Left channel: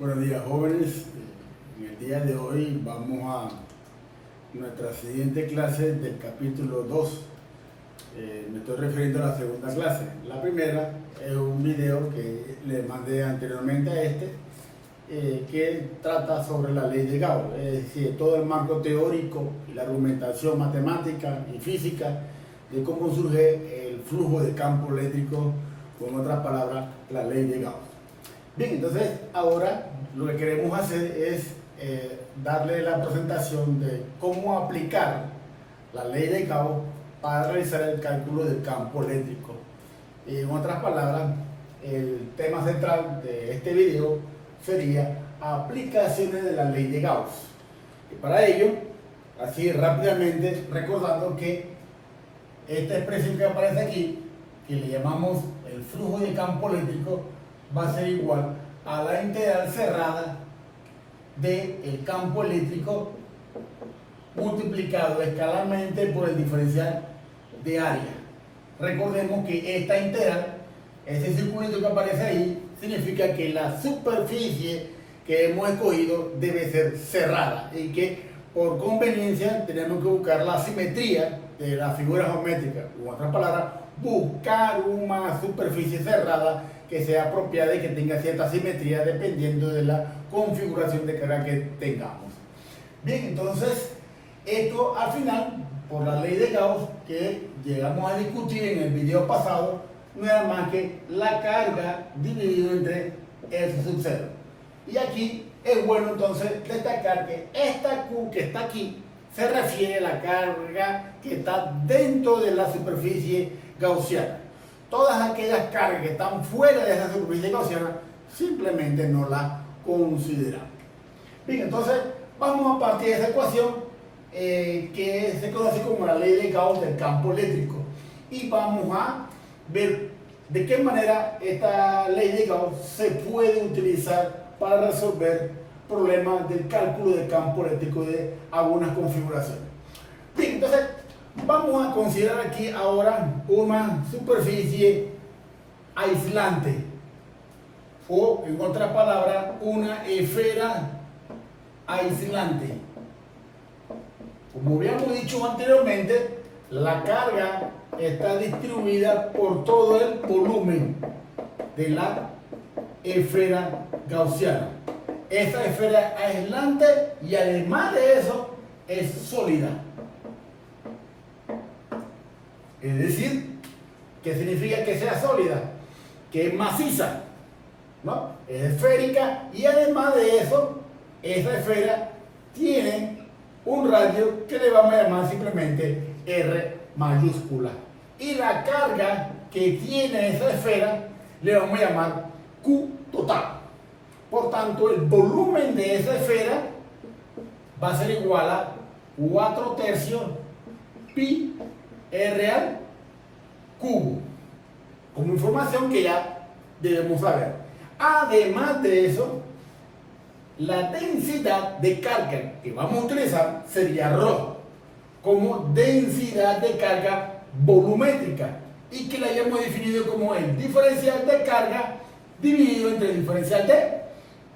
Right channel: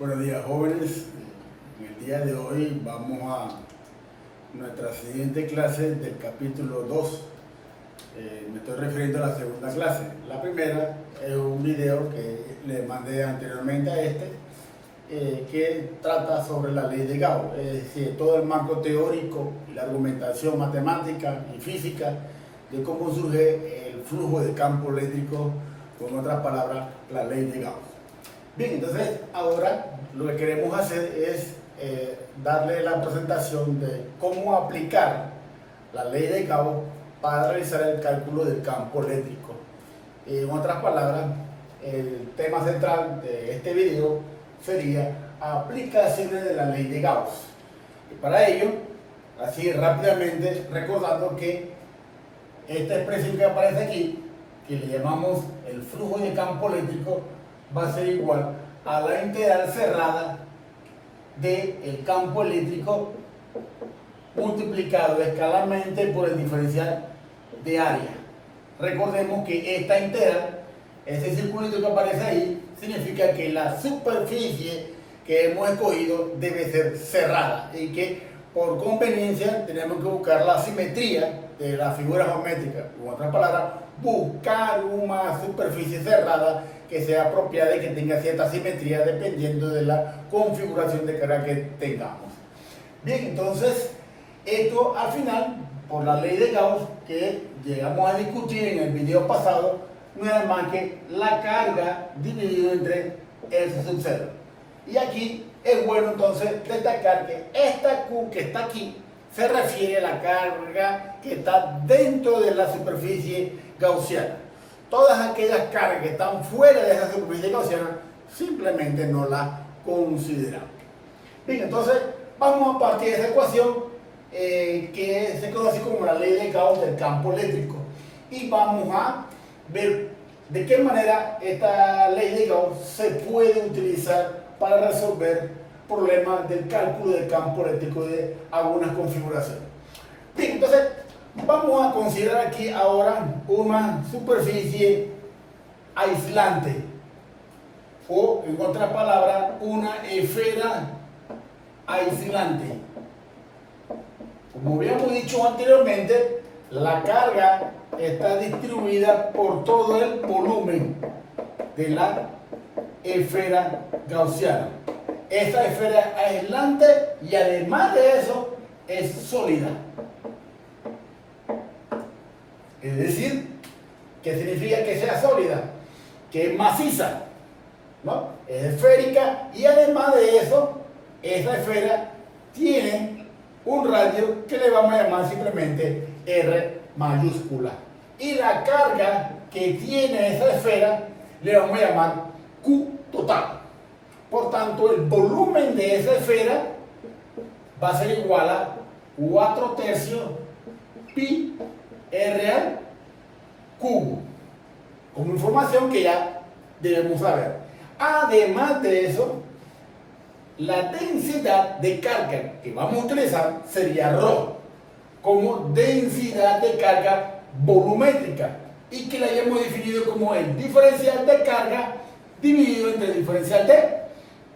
Buenos días, jóvenes. En el día de hoy vamos a nuestra siguiente clase del capítulo 2. Me estoy refiriendo a la segunda clase. La primera es un video que le mandé anteriormente a que trata sobre la ley de Gauss, es decir, todo el marco teórico y la argumentación matemática y física de cómo surge el flujo de campo eléctrico, con otras palabras, la ley de Gauss. Bien, entonces ahora lo que queremos hacer es darle la presentación de cómo aplicar la ley de Gauss para realizar el cálculo del campo eléctrico. En otras palabras, el tema central de este video sería aplicaciones de la ley de Gauss. Y para ello, así rápidamente, recordando que esta expresión que aparece aquí, que le llamamos el flujo de campo eléctrico, va a ser igual a la integral cerrada del campo eléctrico multiplicado escalarmente por el diferencial de área. Recordemos que esta integral, ese circulito que aparece ahí, significa que la superficie que hemos escogido debe ser cerrada y que por conveniencia tenemos que buscar la simetría de la figura geométrica. En otras palabras, buscar una superficie cerrada que sea apropiada y que tenga cierta simetría dependiendo de la configuración de carga que tengamos. Bien, entonces, esto al final, por la ley de Gauss que llegamos a discutir en el video pasado, no es más que la carga dividido entre S sub 0. Y aquí es bueno entonces destacar que esta Q que está aquí se refiere a la carga que está dentro de la superficie gaussiana. Todas aquellas cargas que están fuera de esa superficie gaussiana simplemente no las consideramos. Bien, entonces vamos a partir de esa ecuación que se conoce como la ley de Gauss del campo eléctrico y vamos a ver de qué manera esta ley de Gauss se puede utilizar para resolver problemas del cálculo del campo eléctrico de algunas configuraciones. Bien, entonces vamos a considerar aquí ahora una superficie aislante o, en otras palabras, una esfera aislante. Como habíamos dicho anteriormente, la carga está distribuida por todo el volumen de la esfera gaussiana. Esta esfera aislante y además de eso es sólida. Es decir, ¿qué significa que sea sólida? Que es maciza, ¿no? Es esférica y además de eso, esa esfera tiene un radio que le vamos a llamar simplemente R mayúscula. Y la carga que tiene esa esfera le vamos a llamar Q total. Por tanto, el volumen de esa esfera va a ser igual a 4/3 pi R al cubo, como información que ya debemos saber. Además de eso, la densidad de carga que vamos a utilizar sería ρ, como densidad de carga volumétrica, y que la hayamos definido como el diferencial de carga dividido entre el diferencial de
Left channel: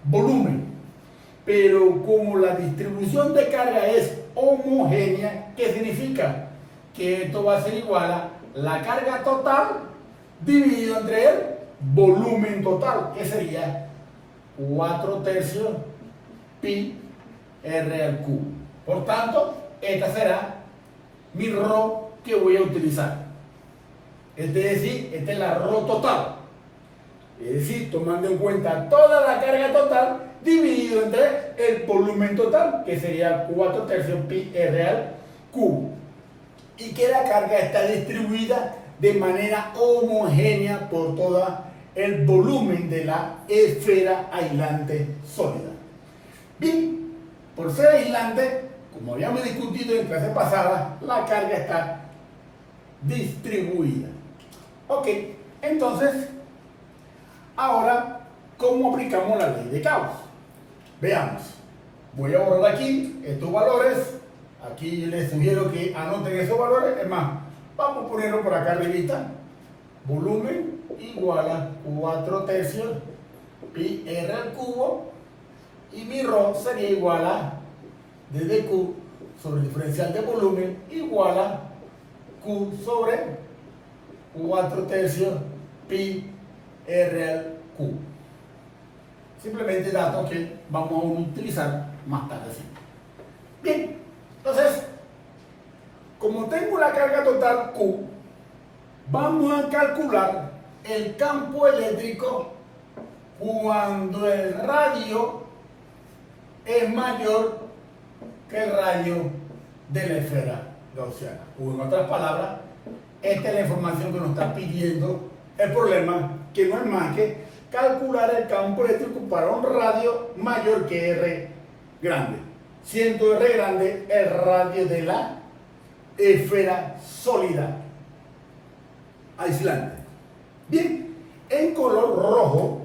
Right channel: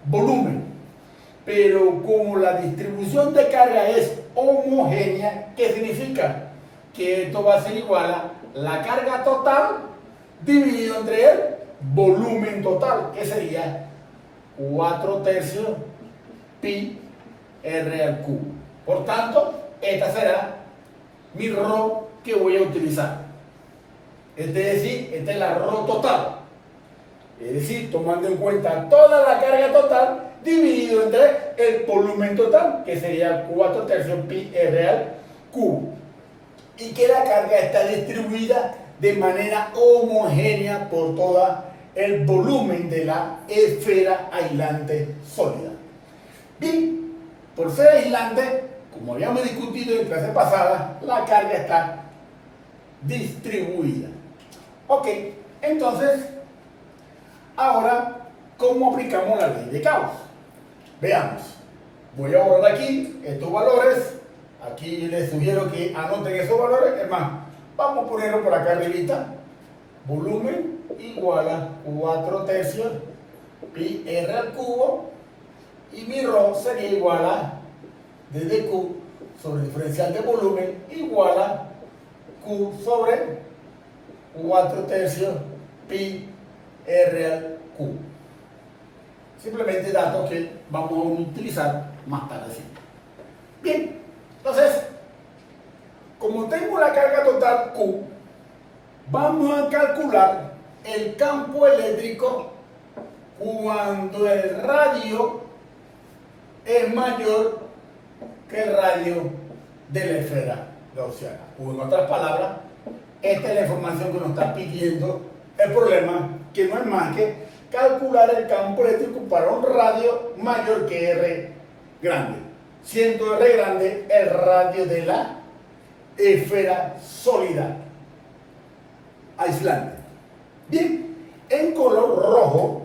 volumen. Pero como la distribución de carga es homogénea, ¿qué significa? Que esto va a ser igual a la carga total dividido entre el volumen total, que sería 4/3 pi R al cubo. Por tanto, esta será mi ρ que voy a utilizar. Es decir, esta es la ρ total. Es decir, tomando en cuenta toda la carga total dividido entre el volumen total, que sería 4/3 pi R al cubo. Y que la carga está distribuida de manera homogénea por todo el volumen de la esfera aislante sólida. Bien, por ser aislante, como habíamos discutido en clase pasada, la carga está distribuida. Ok, entonces, ahora, ¿cómo aplicamos la ley de Gauss? Veamos. Voy a borrar aquí estos valores. Aquí les sugiero que anoten esos valores. Es más, vamos a ponerlo por acá arribita. Volumen igual a 4/3 pi R al cubo y mi ρ sería igual a d de q sobre el diferencial de volumen igual a q sobre 4/3 pi r al q. Simplemente datos que vamos a utilizar más tarde. Bien, entonces, como tengo la carga total Q, vamos a calcular el campo eléctrico cuando el radio es mayor que el radio de la esfera gaussiana. O en otras palabras, esta es la información que nos está pidiendo el problema, que no es más que calcular el campo eléctrico para un radio mayor que R grande, siendo R grande el radio de la esfera sólida aislante. Bien, en color rojo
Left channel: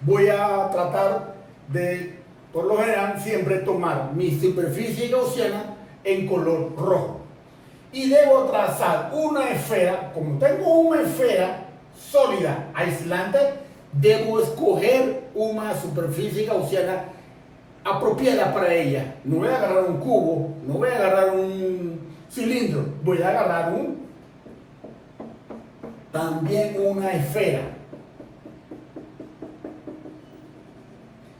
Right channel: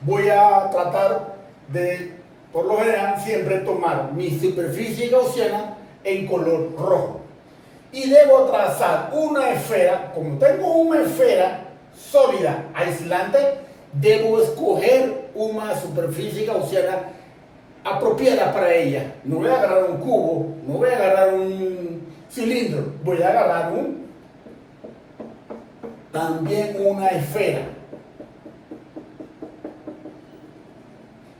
voy a tratar de, por lo general, siempre tomar mi superficie gaussiana en color rojo. Y debo trazar una esfera, como tengo una esfera sólida aislante, debo escoger una superficie gaussiana apropiada para ella. No voy a agarrar un cubo, no voy a agarrar un cilindro, voy a agarrar también una esfera.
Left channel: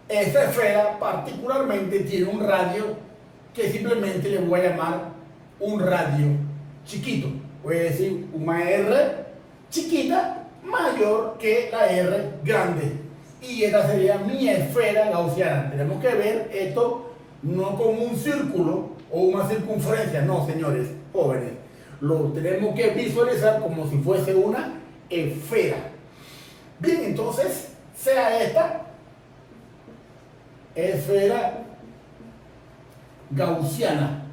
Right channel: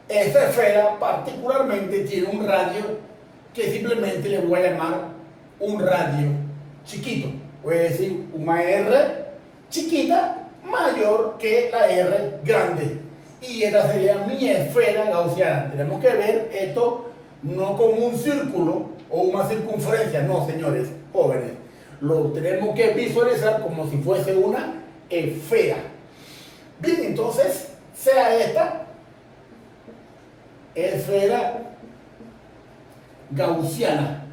Esta esfera particularmente tiene un radio que simplemente le voy a llamar un radio chiquito. Voy a decir una R chiquita mayor que la R grande. Y esta sería mi esfera gaussiana. Tenemos que ver esto no como un círculo o una circunferencia, no, señores jóvenes. Lo tenemos que visualizar como si fuese una esfera. Bien, entonces, sea esta esfera gaussiana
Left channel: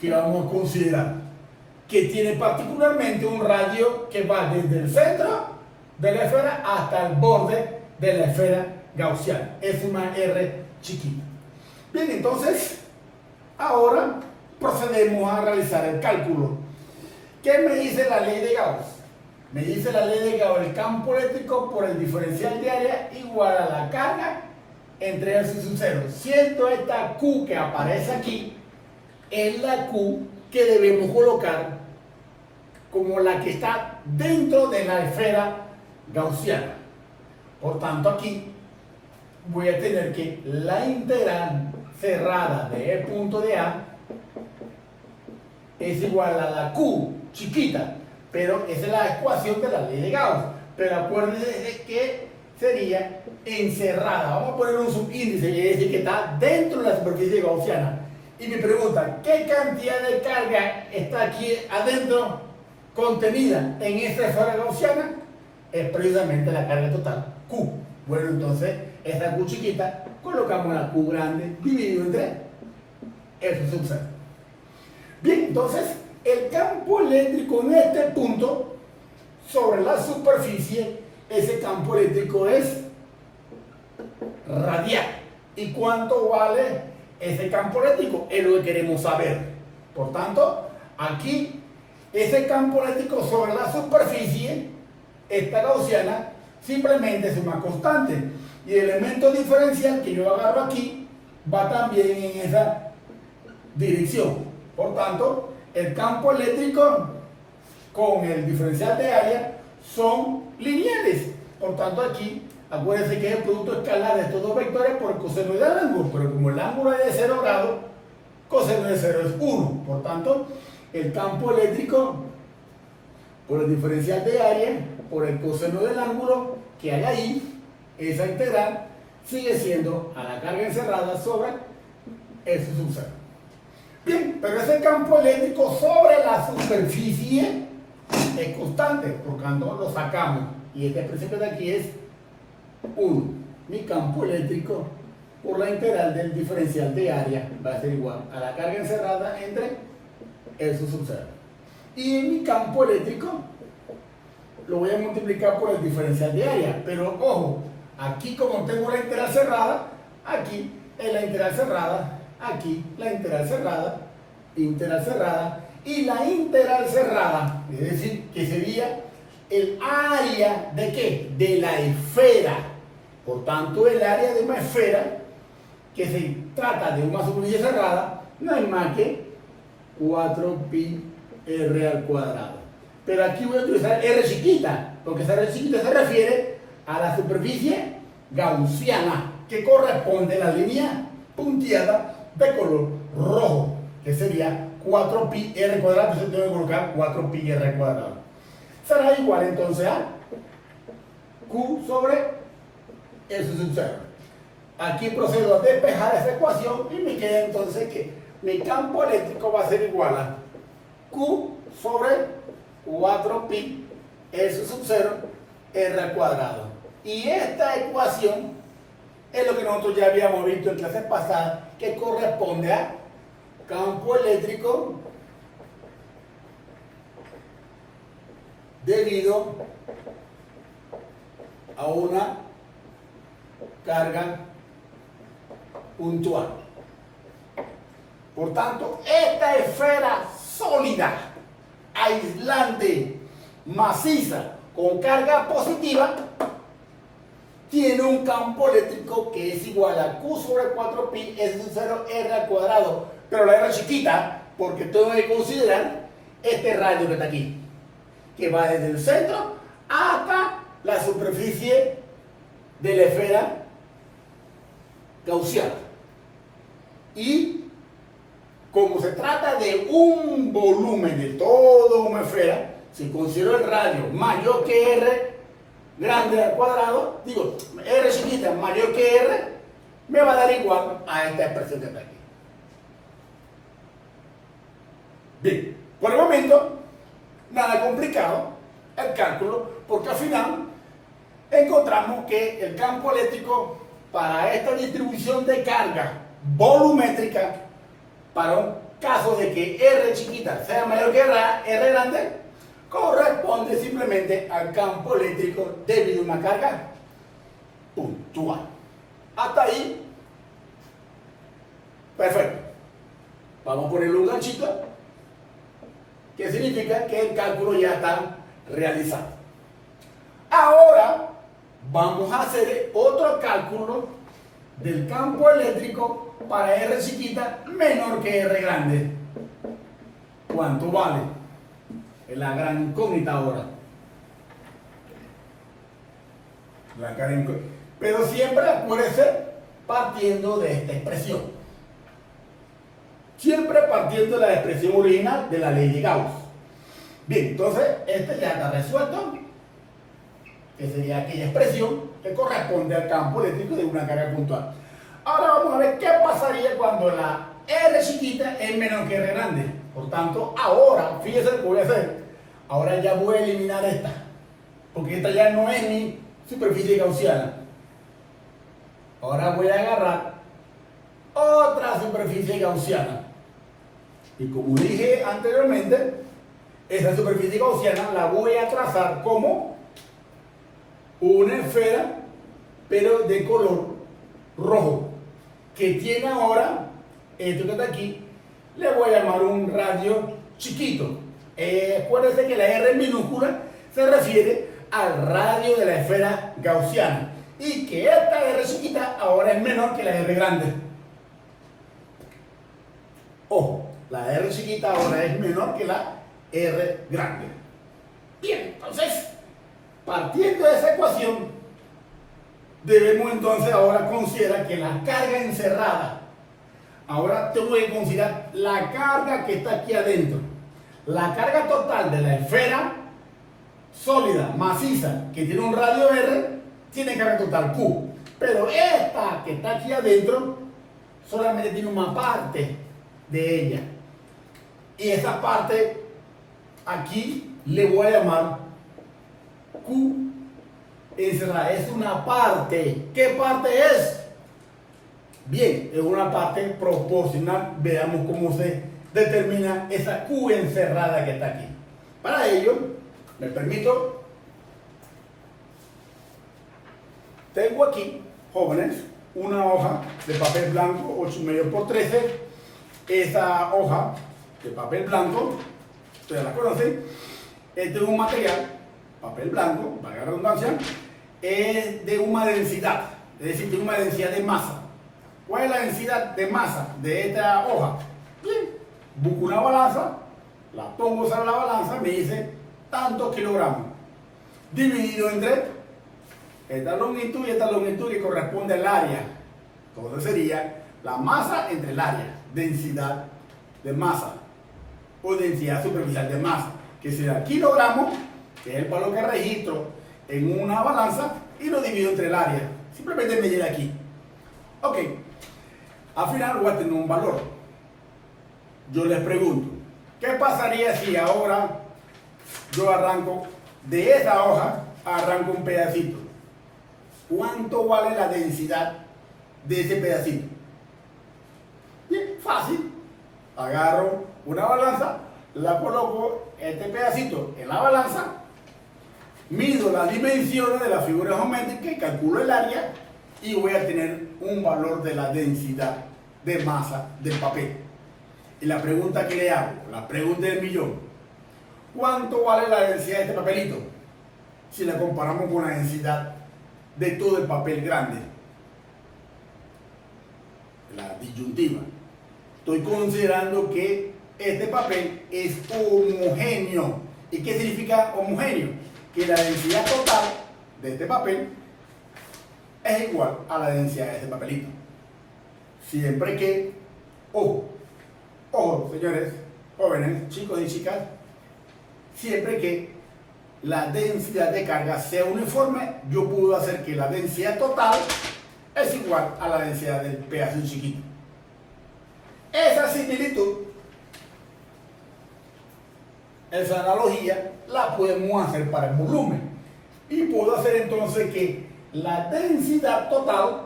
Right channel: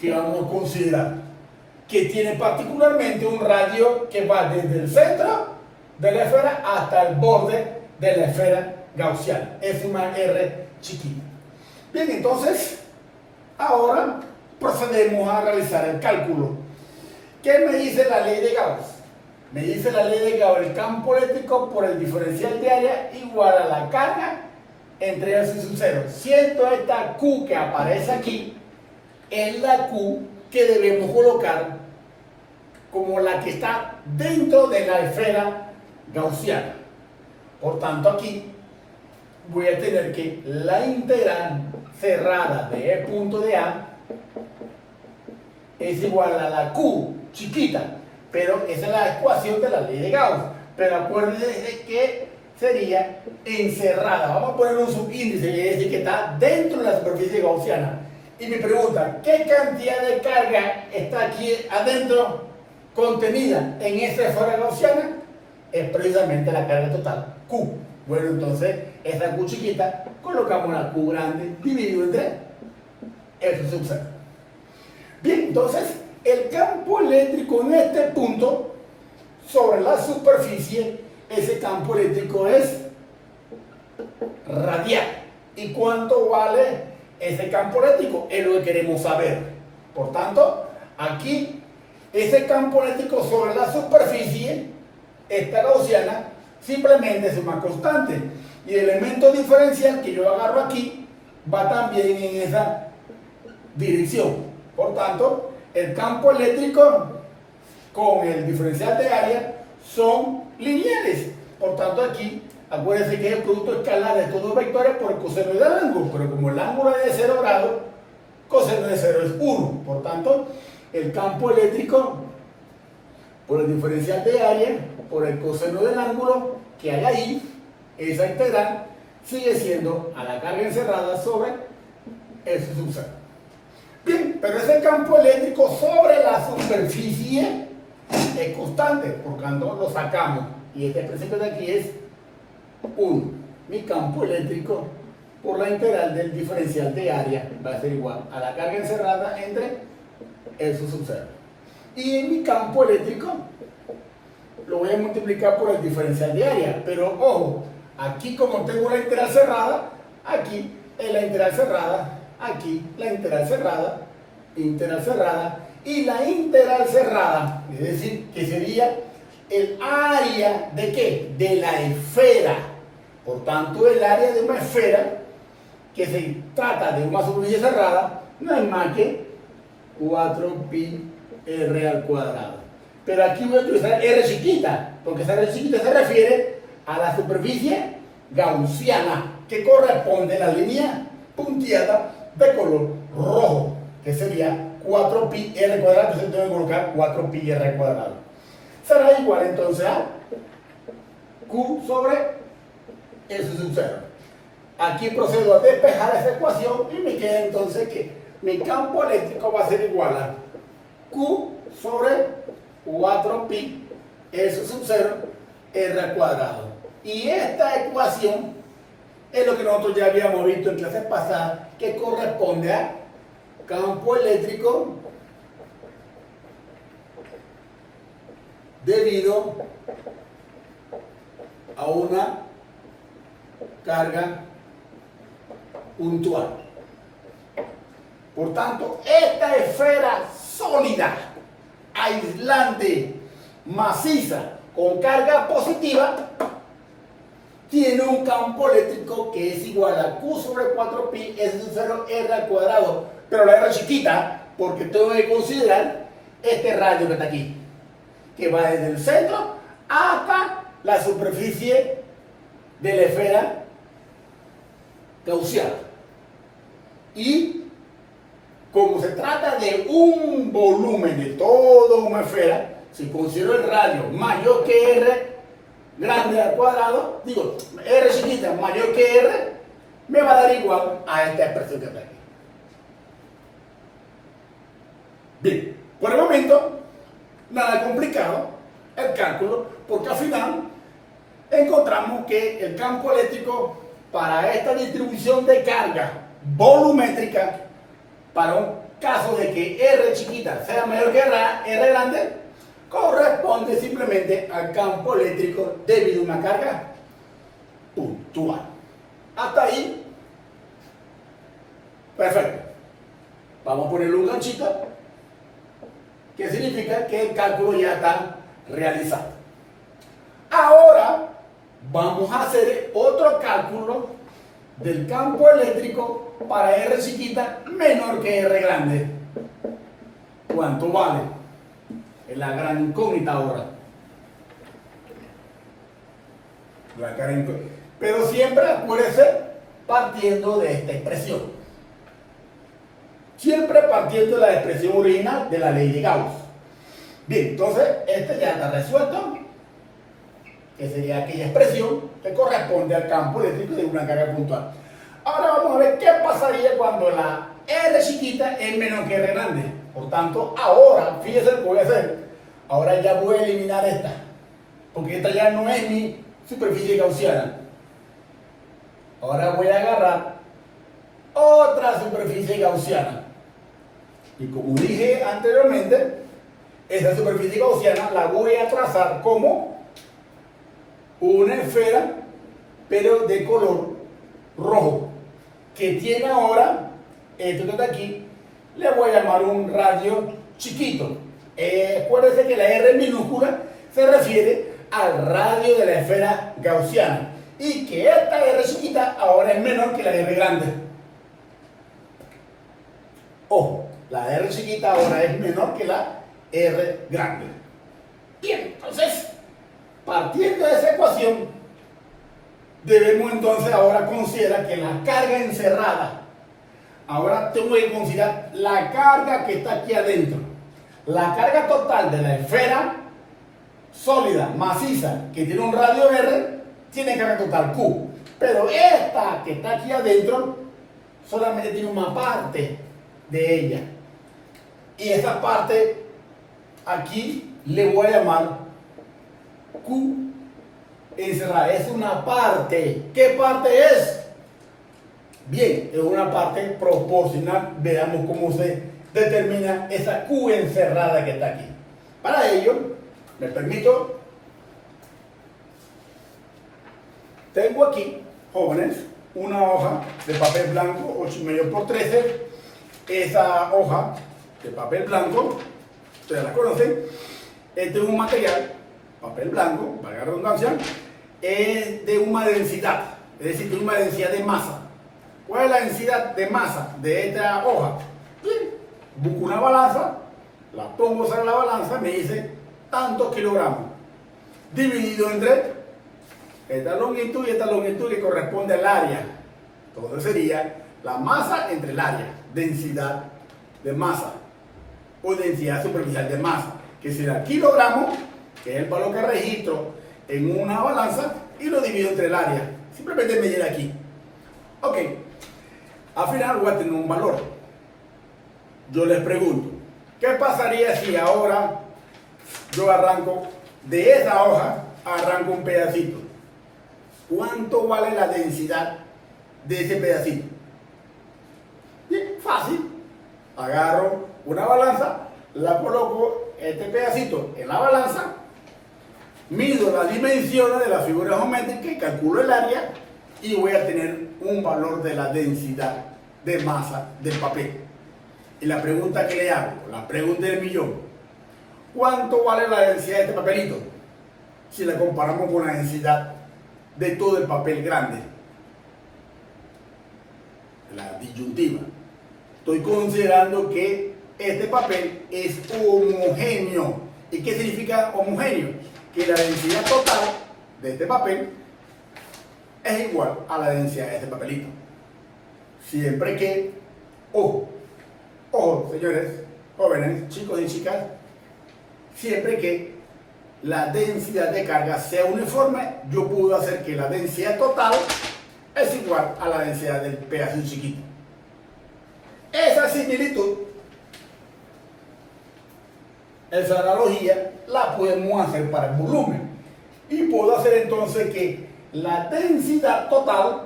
que vamos a considerar, que tiene particularmente un radio que va desde el centro de la esfera hasta el borde de la esfera gaussiana. Es una R chiquita. Bien, entonces, ahora procedemos a realizar el cálculo. ¿Qué me dice la ley de Gauss? Me dice la ley de Gauss, el campo eléctrico por el diferencial de área igual a la carga entre S sub 0. Siendo esta Q que aparece aquí, es la Q que debemos colocar como la que está dentro de la esfera gaussiana. Por tanto, aquí voy a tener que la integral cerrada de E punto de A es igual a la Q chiquita, pero esa es la ecuación de la ley de Gauss. Pero acuérdense que sería encerrada. Vamos a poner un subíndice, quiere decir que está dentro de la superficie gaussiana. Y me pregunta, ¿qué cantidad de carga está aquí adentro contenida en esa esfera gaussiana? Es precisamente la carga total, Q. Bueno, entonces, esta Q chiquita, colocamos la Q grande dividido entre F sub 0. Bien, entonces, el campo eléctrico en este punto, sobre la superficie, ese campo eléctrico es radial. ¿Y cuánto vale ese campo eléctrico? Es lo que queremos saber. Por tanto, aquí, ese campo eléctrico sobre la superficie, esta gaussiana, simplemente es una constante. Y el elemento diferencial que yo agarro aquí va también en esa dirección. Por tanto, el campo eléctrico con el diferencial de área son lineales. Por tanto, aquí, acuérdense que es el producto escalar de estos dos vectores por el coseno del ángulo. Pero como el ángulo es de 0 grados, coseno de 0 es 1. Por tanto, el campo eléctrico por el diferencial de área, por el coseno del ángulo que hay ahí, esa integral sigue siendo a la carga encerrada sobre S sub 0. Bien, pero ese campo eléctrico sobre la superficie es constante, por tanto lo sacamos. Y esta expresión de aquí es 1. Mi campo eléctrico por la integral del diferencial de área va a ser igual a la carga encerrada entre S sub 0. Y en mi campo eléctrico lo voy a multiplicar por el diferencial de área. Pero ojo, aquí como tengo la integral cerrada, aquí es la integral cerrada, aquí la integral cerrada y la integral cerrada, es decir, que sería el área de ¿qué? De la esfera. Por tanto, el área de una esfera que se trata de una superficie cerrada no es más que 4pi r al cuadrado. Pero aquí voy a utilizar r chiquita, porque esa r chiquita se refiere a la superficie gaussiana, que corresponde a la línea punteada de color rojo, que sería 4pi r cuadrado, entonces tengo que colocar 4pi r al cuadrado. Será igual entonces a q sobre S sub 0. Aquí procedo a despejar esa ecuación y me queda entonces que mi campo eléctrico va a ser igual a q sobre 4pi S sub 0 r al cuadrado. Y esta ecuación es lo que nosotros ya habíamos visto en clases pasadas, que corresponde a campo eléctrico debido a una carga puntual. Por tanto, esta esfera sólida, aislante, maciza, con carga positiva, tiene un campo eléctrico que es igual a Q sobre 4pi S sub 0 R al cuadrado, pero la R chiquita, porque tengo que considerar este radio que está aquí, que va desde el centro hasta la superficie de la esfera gaussiana. Y como se trata de un volumen de toda una esfera, si considero el radio mayor que R grande al cuadrado, digo, R chiquita mayor que R, me va a dar igual a esta expresión que está aquí. Bien, por el momento, nada complicado el cálculo, porque al final encontramos que el campo eléctrico para esta distribución de carga volumétrica, para un caso de que R chiquita sea mayor que R grande, corresponde simplemente al campo eléctrico debido a una carga puntual. Hasta ahí, perfecto. Vamos a ponerle un ganchito, que significa que el cálculo ya está realizado. Ahora vamos a hacer otro cálculo del campo eléctrico para R chiquita menor que R grande. ¿Cuánto vale? Es la gran incógnita ahora. La gran incógnita. Pero siempre acuérdese partiendo de esta expresión. Siempre partiendo de la expresión original de la ley de Gauss. Bien, entonces este ya está resuelto, que sería aquella expresión que corresponde al campo eléctrico de una carga puntual. Ahora vamos a ver qué pasaría cuando la R chiquita es menor que R grande. Por tanto, ahora, fíjense lo que voy a hacer. Ahora ya voy a eliminar esta, porque esta ya no es mi superficie gaussiana. Ahora voy a agarrar otra superficie gaussiana. Y como dije anteriormente, esa superficie gaussiana la voy a trazar como una esfera, pero de color rojo, que tiene ahora, esto que está aquí, le voy a llamar un radio chiquito. Acuérdense que la R minúscula se refiere al radio de la esfera gaussiana y que esta R chiquita ahora es menor que la R grande. Ojo, la R chiquita ahora es menor que la R grande. Bien, entonces, partiendo de esa ecuación, debemos entonces ahora considerar que la carga encerrada, ahora tengo que considerar la carga que está aquí adentro. La carga total de la esfera sólida, maciza, que tiene un radio R, tiene carga total Q. Pero esta que está aquí adentro solamente tiene una parte de ella. Y esa parte aquí le voy a llamar Q encerrada. Es una parte. ¿Qué parte es? Bien, es una parte proporcional. Veamos cómo se determina esa Q encerrada que está aquí. Para ello, me permito, tengo aquí, jóvenes, una hoja de papel blanco 8,5 por 13. Esa hoja de papel blanco, ustedes la conocen, este es un material, papel blanco, valga la redundancia, es de una densidad es decir, tengo una densidad de masa. ¿Cuál es la densidad de masa de esta hoja? Bien, busco una balanza, la pongo sobre la balanza, me dice tantos kilogramos, dividido entre esta longitud y esta longitud que corresponde al área. Entonces sería la masa entre el área, densidad de masa o densidad superficial de masa, que será kilogramos, que es el valor que registro en una balanza, y lo divido entre el área. Simplemente medir aquí. Ok, al final voy a tener un valor. Yo les pregunto, ¿qué pasaría si ahora yo arranco de esa hoja, arranco un pedacito? ¿Cuánto vale la densidad de ese pedacito? Bien, fácil. Agarro una balanza, la coloco este pedacito en la balanza, mido las dimensiones de la figura geométrica, calculo el área y voy a tener un valor de la densidad de masa del papel. Y la pregunta que le hago, la pregunta del millón, ¿cuánto vale la densidad de este papelito? Si la comparamos con la densidad de todo el papel grande. La disyuntiva. Estoy considerando que este papel es homogéneo. ¿Y qué significa homogéneo? Que la densidad total de este papel es igual a la densidad de este papelito. Siempre que, ojo, señores, jóvenes, chicos y chicas, siempre que la densidad de carga sea uniforme, yo puedo hacer que la densidad total es igual a la densidad del pedacito chiquito. Esa similitud, esa analogía, la podemos hacer para el volumen. Y puedo hacer entonces que la densidad total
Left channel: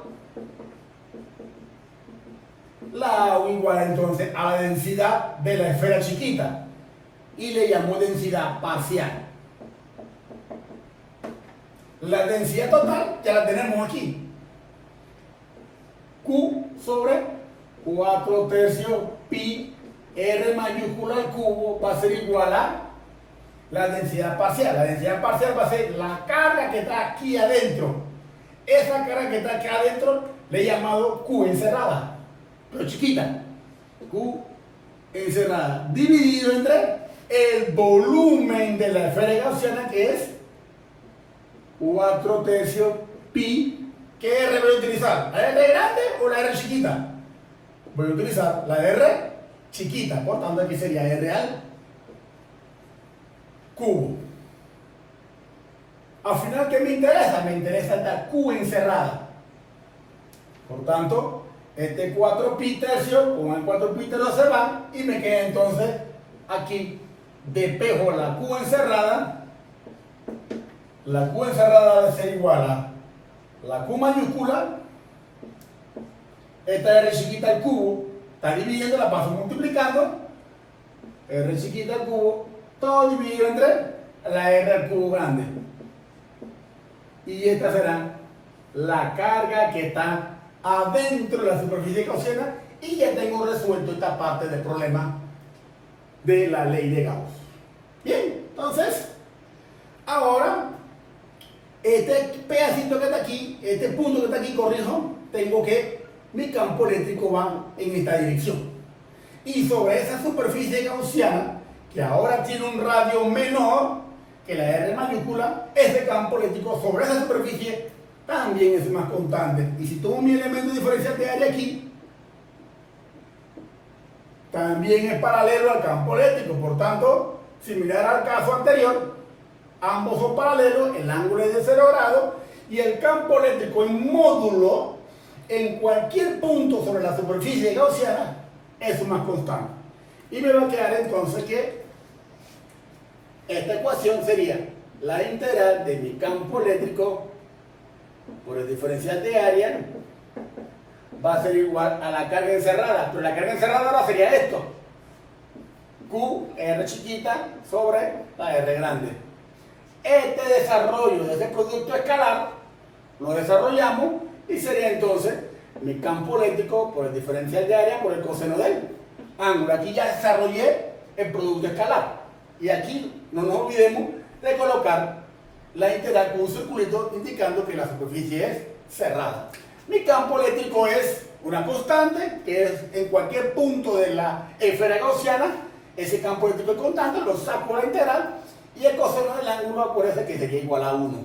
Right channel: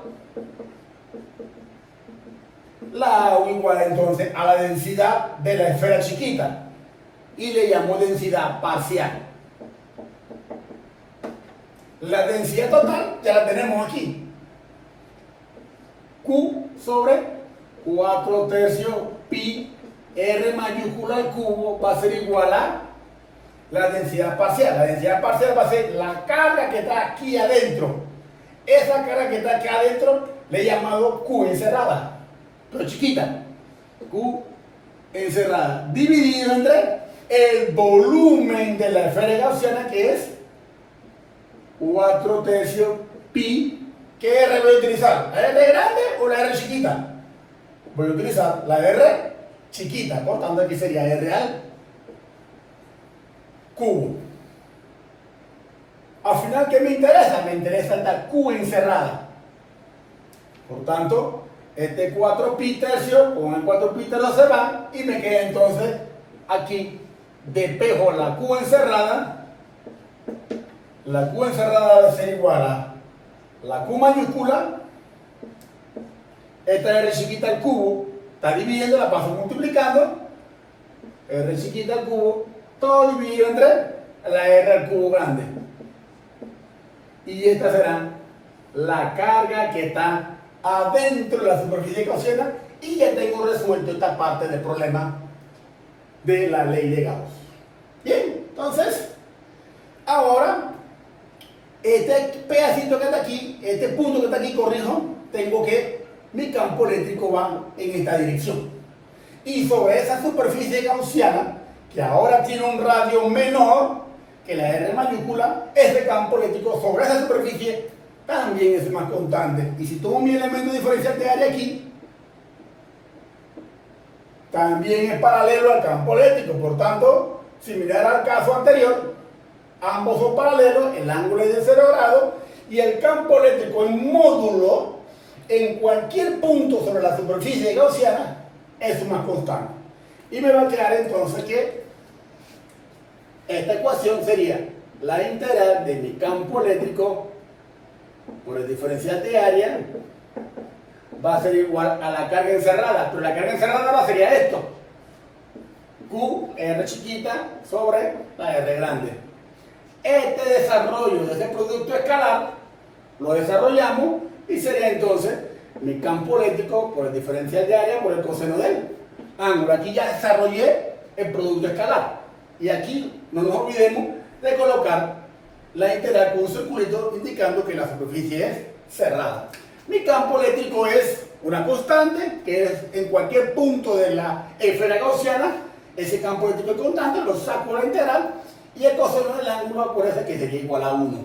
la hago igual entonces a la densidad de la esfera chiquita. Y le llamo densidad parcial. La densidad total ya la tenemos aquí. Q sobre 4/3 pi R mayúscula al cubo va a ser igual a la densidad parcial. La densidad parcial va a ser la carga que está aquí adentro. Esa carga que está aquí adentro le he llamado Q encerrada, pero chiquita. Q encerrada, dividido entre el volumen de la esfera gaussiana, que es 4/3 pi. ¿Qué R voy a utilizar? ¿La R grande o la R chiquita? Voy a utilizar la R chiquita, por tanto aquí sería R al cubo. Al final, ¿qué me interesa? Me interesa esta Q encerrada. Por tanto, este 4 pi tercio con el 4 pi tercio se va y me queda entonces aquí despejo la Q encerrada. La Q encerrada debe ser igual a la Q mayúscula, esta R chiquita al cubo, está dividiendo, la paso multiplicando, R chiquita al cubo, todo dividido entre la R al cubo grande. Y esta será la carga que está adentro de la superficie gaussiana, y ya tengo resuelto esta parte del problema de la ley de Gauss. Bien, entonces, ahora este pedacito que está aquí, este punto que está aquí, corrijo, tengo que mi campo eléctrico va en esta dirección. Y sobre esa superficie gaussiana, que ahora tiene un radio menor que la R mayúscula, ese campo eléctrico sobre esa superficie también es más constante. Y si tomo mi elemento diferencial de área aquí, también es paralelo al campo eléctrico. Por tanto, similar al caso anterior, ambos son paralelos, el ángulo es de 0 grados y el campo eléctrico en módulo en cualquier punto sobre la superficie gaussiana es más constante. Y me va a quedar entonces que esta ecuación sería la integral de mi campo eléctrico por el diferencial de área va a ser igual a la carga encerrada, pero la carga encerrada ahora sería esto: Q, R chiquita sobre la R grande. Este desarrollo de ese producto escalar lo desarrollamos y sería entonces mi campo eléctrico por el diferencial de área por el coseno del ángulo. Aquí ya desarrollé el producto escalar y aquí no nos olvidemos de colocar la integral con un circulito indicando que la superficie es cerrada. Mi campo eléctrico es una constante, que es en cualquier punto de la esfera gaussiana, ese campo eléctrico es constante, lo saco la integral y el coseno del ángulo aparece que sería igual a 1.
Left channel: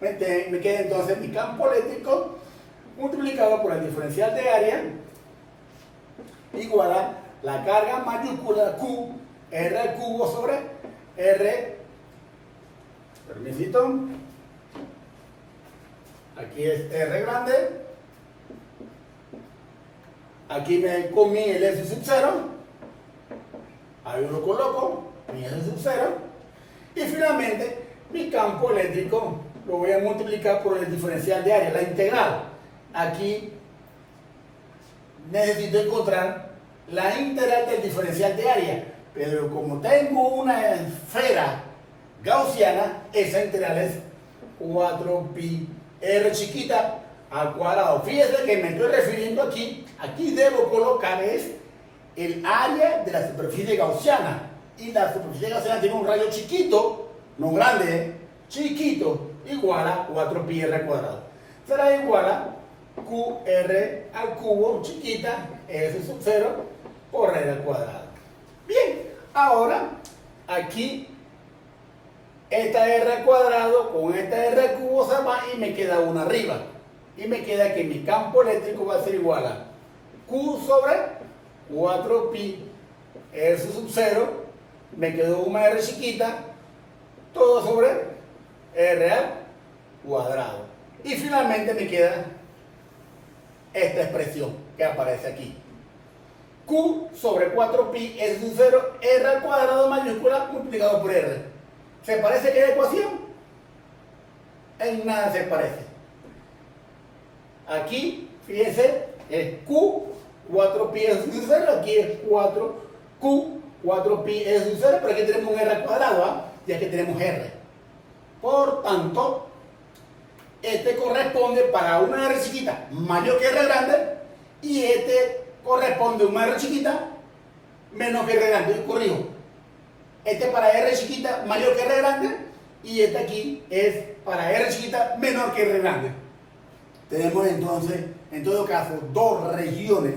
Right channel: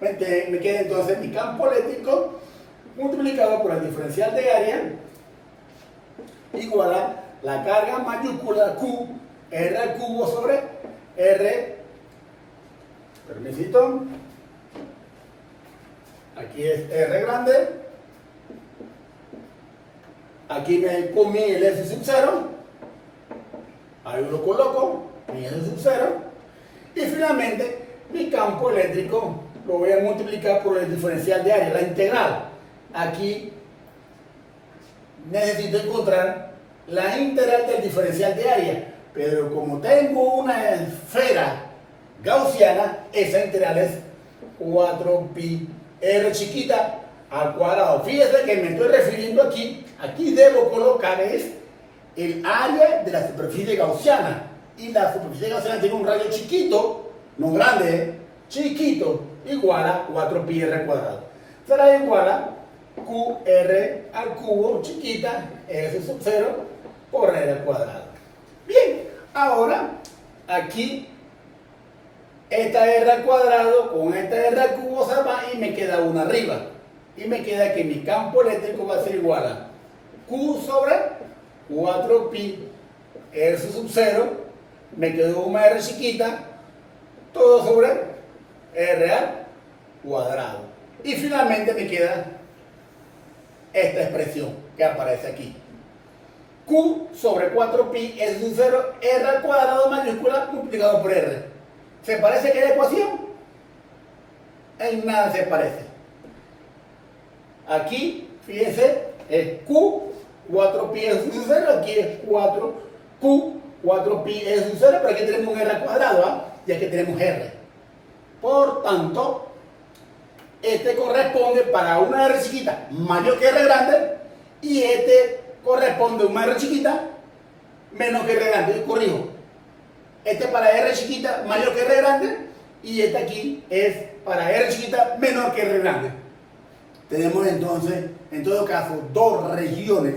Me queda entonces mi campo eléctrico multiplicado por el diferencial de área igual a la carga mayúscula Q, R al cubo sobre R, permisito, aquí es R grande, aquí me comí el S sub 0, ahí lo coloco, mi S sub 0, y finalmente mi campo eléctrico lo voy a multiplicar por el diferencial de área, la integral. Aquí necesito encontrar la integral del diferencial de área, pero como tengo una esfera gaussiana, esa integral es 4pi r chiquita al cuadrado. Fíjense que me estoy refiriendo aquí debo colocar es el área de la superficie gaussiana, y la superficie gaussiana tiene un radio chiquito, no grande, chiquito, igual a 4pi r al cuadrado. Será igual a qr al cubo chiquita s sub 0 por r al cuadrado. Bien, ahora aquí esta r al cuadrado con esta r al cubo se va y me queda una arriba, y me queda que mi campo eléctrico va a ser igual a q sobre 4pi r sub 0, me quedó una r chiquita, todo sobre r al cuadrado, y finalmente me queda esta expresión que aparece aquí, q sobre 4pi s sub 0 r al cuadrado mayúscula multiplicado por r. ¿Se parece que la ecuación? En nada se parece. Aquí, fíjense, es q 4pi s sub 0, aquí es 4q 4pi s sub 0, pero aquí tenemos un r al cuadrado, ¿ah? Y aquí tenemos r. Por tanto, este corresponde para una r chiquita mayor que r grande, y este corresponde a una r chiquita menos que r grande. Y corrijo, este para r chiquita mayor que r grande, y este aquí es para r chiquita menor que r grande. Tenemos entonces, en todo caso, dos regiones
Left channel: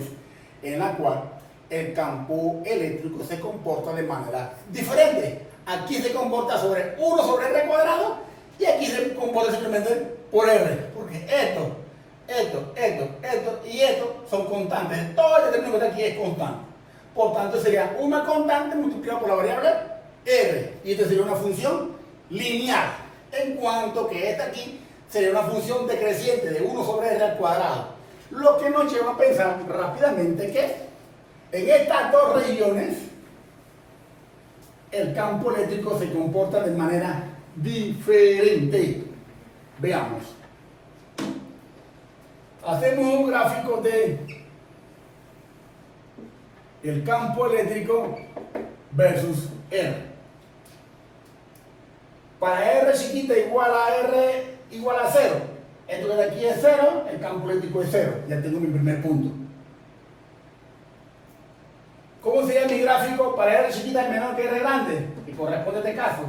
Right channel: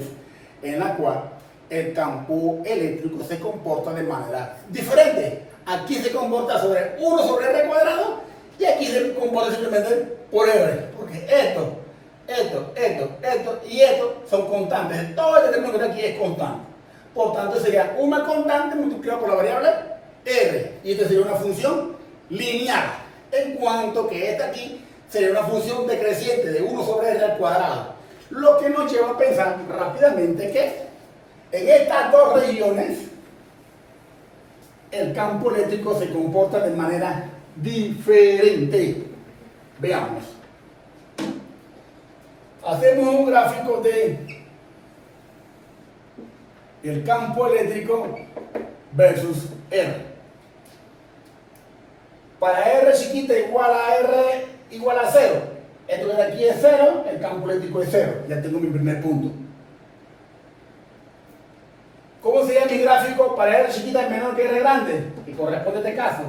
en las cuales el campo eléctrico se comporta de manera diferente. Aquí se comporta sobre 1 sobre r cuadrado, y aquí se comporta simplemente por r, porque esto y esto son constantes. Todo el término que está aquí es constante. Por tanto, sería una constante multiplicada por la variable r, y esta sería una función lineal, en cuanto que esta aquí sería una función decreciente de 1 sobre r al cuadrado. Lo que nos lleva a pensar rápidamente que en estas dos regiones el campo eléctrico se comporta de manera diferente. Veamos. Hacemos un gráfico de el campo eléctrico versus R. Para R chiquita igual a R igual a 0. Esto que de aquí es 0, el campo eléctrico es 0. Ya tengo mi primer punto. ¿Cómo sería mi gráfico para R chiquita menor que R grande? Que corresponde a este caso.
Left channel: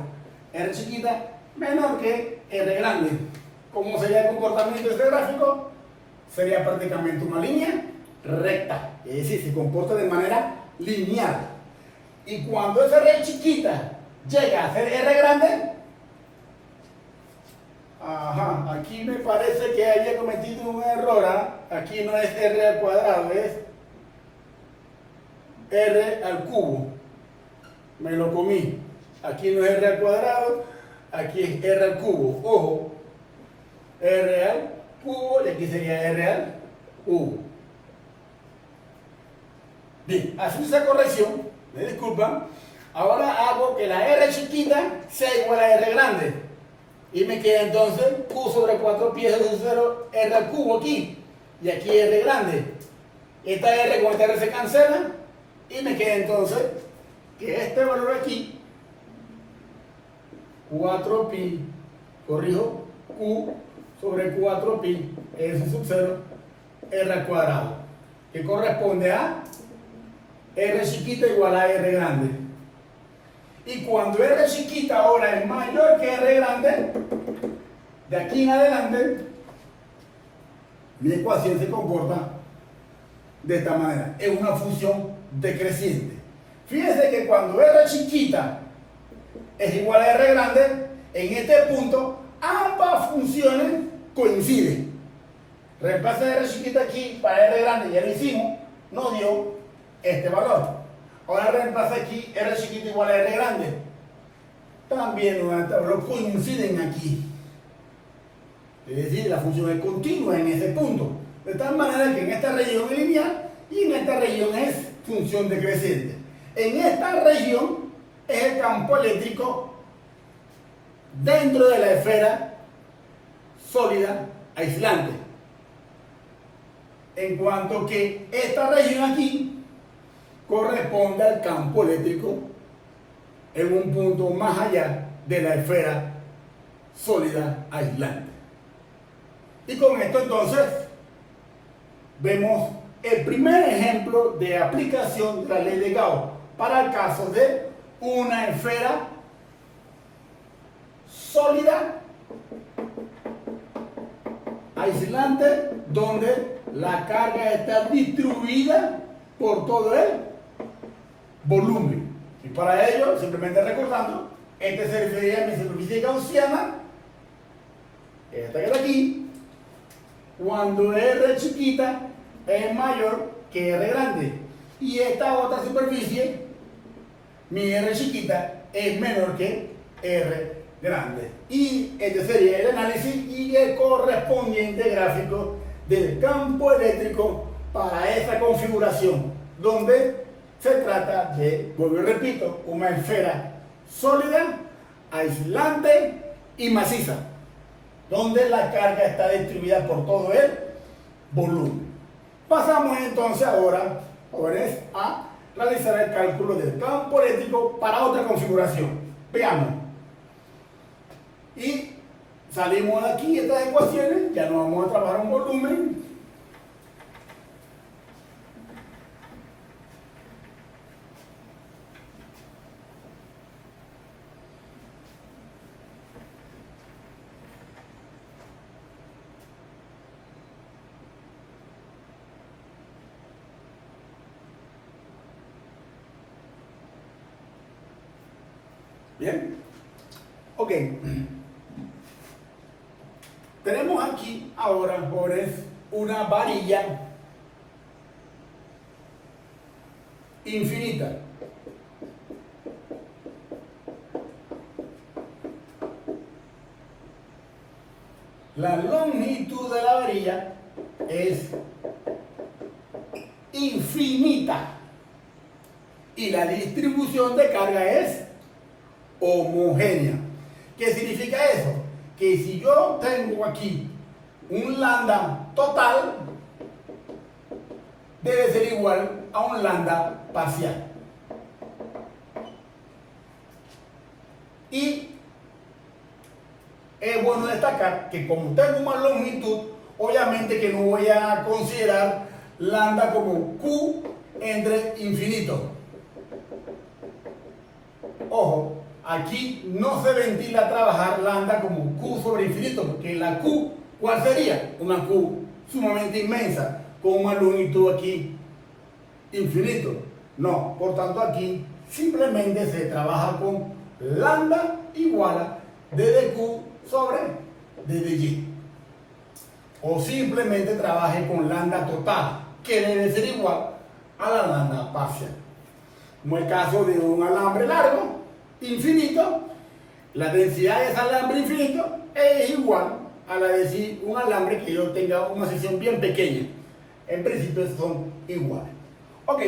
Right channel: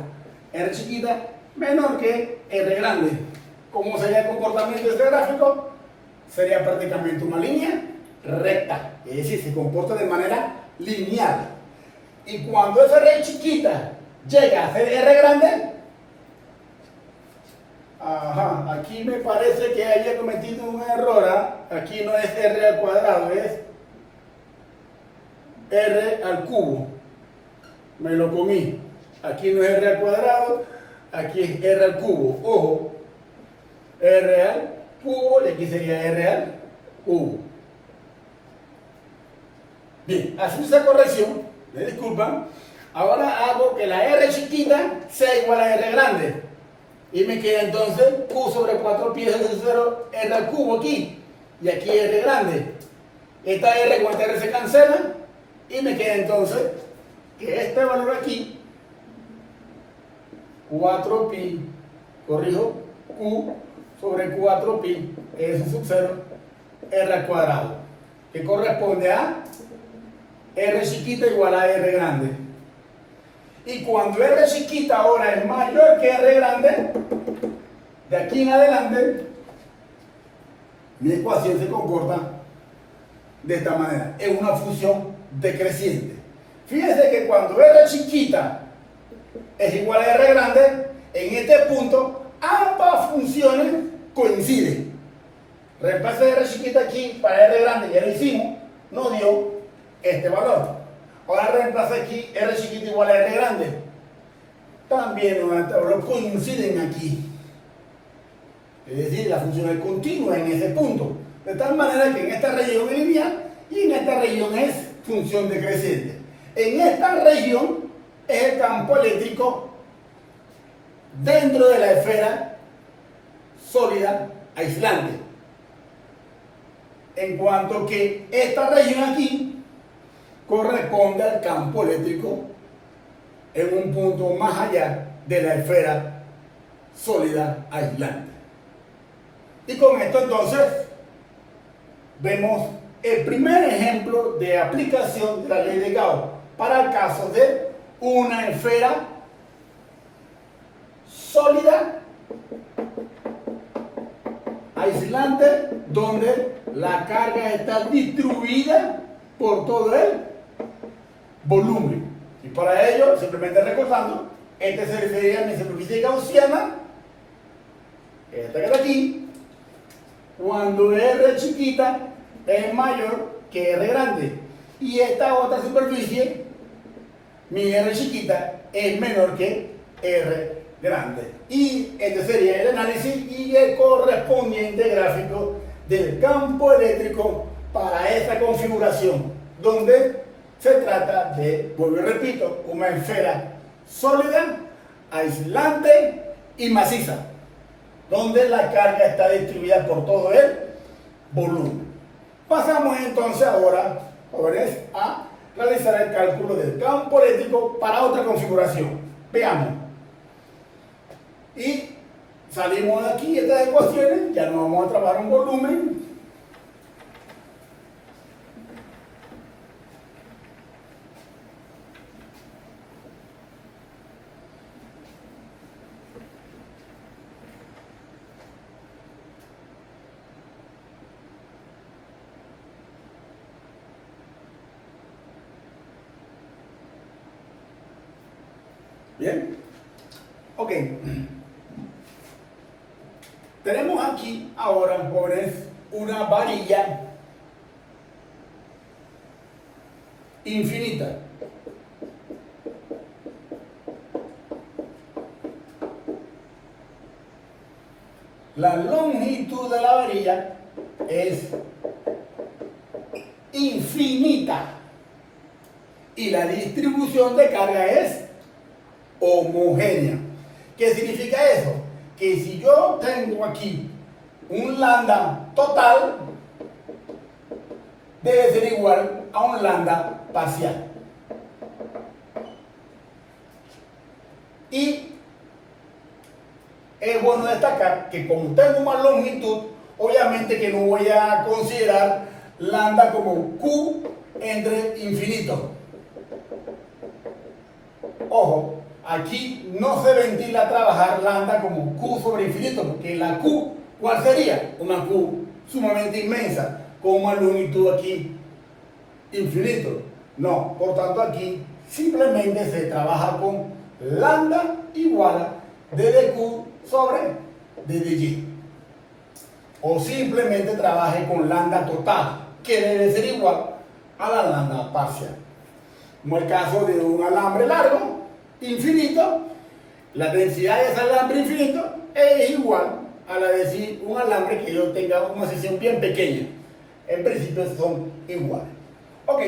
R chiquita menor que R grande. ¿Cómo sería el comportamiento de este gráfico? Sería prácticamente una línea recta. Es decir, se comporta de manera lineal. Y cuando esa R chiquita llega a ser R grande, aquí me parece que haya cometido un error. Aquí no es R al cuadrado, es R al cubo. Me lo comí. Aquí no es R al cuadrado, aquí es R al cubo. Ojo, R al cubo, y aquí sería R al cubo. Bien, hace esa corrección, me disculpan. Ahora hago que la R chiquita sea igual a R grande, y me queda entonces Q sobre 4 pi de 0 R al cubo aquí, y aquí R grande. Esta R con esta R se cancela, y me queda entonces que este valor aquí, 4 pi, corrijo, Q sobre 4 pi S sub 0 R al cuadrado, que corresponde a R chiquita igual a R grande. Y cuando R chiquita ahora es mayor que R grande, de aquí en adelante, mi ecuación se comporta de esta manera. Es una función decreciente. Fíjense que cuando R chiquita es igual a R grande, en este punto ambas funciones coinciden. Reemplace R chiquita aquí para R grande, ya lo hicimos, nos dio este valor. Ahora reemplaza aquí R chiquita igual a R grande. También los coinciden aquí. Es decir, la función es continua en ese punto. De tal manera que en esta región es lineal y en esta región es función decreciente. En esta región es el campo eléctrico dentro de la esfera sólida aislante. En cuanto que esta región aquí corresponde al campo eléctrico en un punto más allá de la esfera sólida aislante. Y con esto entonces vemos el primer ejemplo de aplicación de la ley de Gauss para el caso de una esfera sólida aislante donde la carga está distribuida por todo el volumen. Y para ello, simplemente recordando, este se refiere a mi superficie gaussiana, esta que está aquí, cuando R chiquita es mayor que R grande. Y esta otra superficie, mi R chiquita, es menor que R grande. Y este sería el análisis y el correspondiente gráfico del campo eléctrico para esta configuración, donde se trata de, vuelvo y repito, una esfera sólida, aislante y maciza, donde la carga está distribuida por todo el volumen. Pasamos entonces ahora, jóvenes, a realizar el cálculo del campo eléctrico para otra configuración. Veamos. Y salimos de aquí estas ecuaciones, ya no vamos a trabajar un volumen. Bien, ok. Tenemos aquí ahora, jóvenes, una varilla infinita. La longitud de la varilla es infinita y la distribución de carga es homogénea. ¿Qué significa eso? Que si yo tengo aquí un lambda total, debe ser igual a un lambda parcial. Y es bueno destacar que como tengo una longitud, obviamente que no voy a considerar lambda como Q entre infinito. Ojo, aquí no se ventila trabajar lambda como Q sobre infinito, porque la Q, ¿cuál sería? Una Q sumamente inmensa, con una longitud aquí infinito. No, por tanto aquí simplemente se trabaja con lambda igual a d de Q sobre d de Y. O simplemente trabaje con lambda total, que debe ser igual a la lambda parcial. Como el caso de un alambre largo, infinito, la densidad de ese alambre infinito es igual a la de un alambre que yo tenga una sección bien pequeña. En principio son iguales. Ok,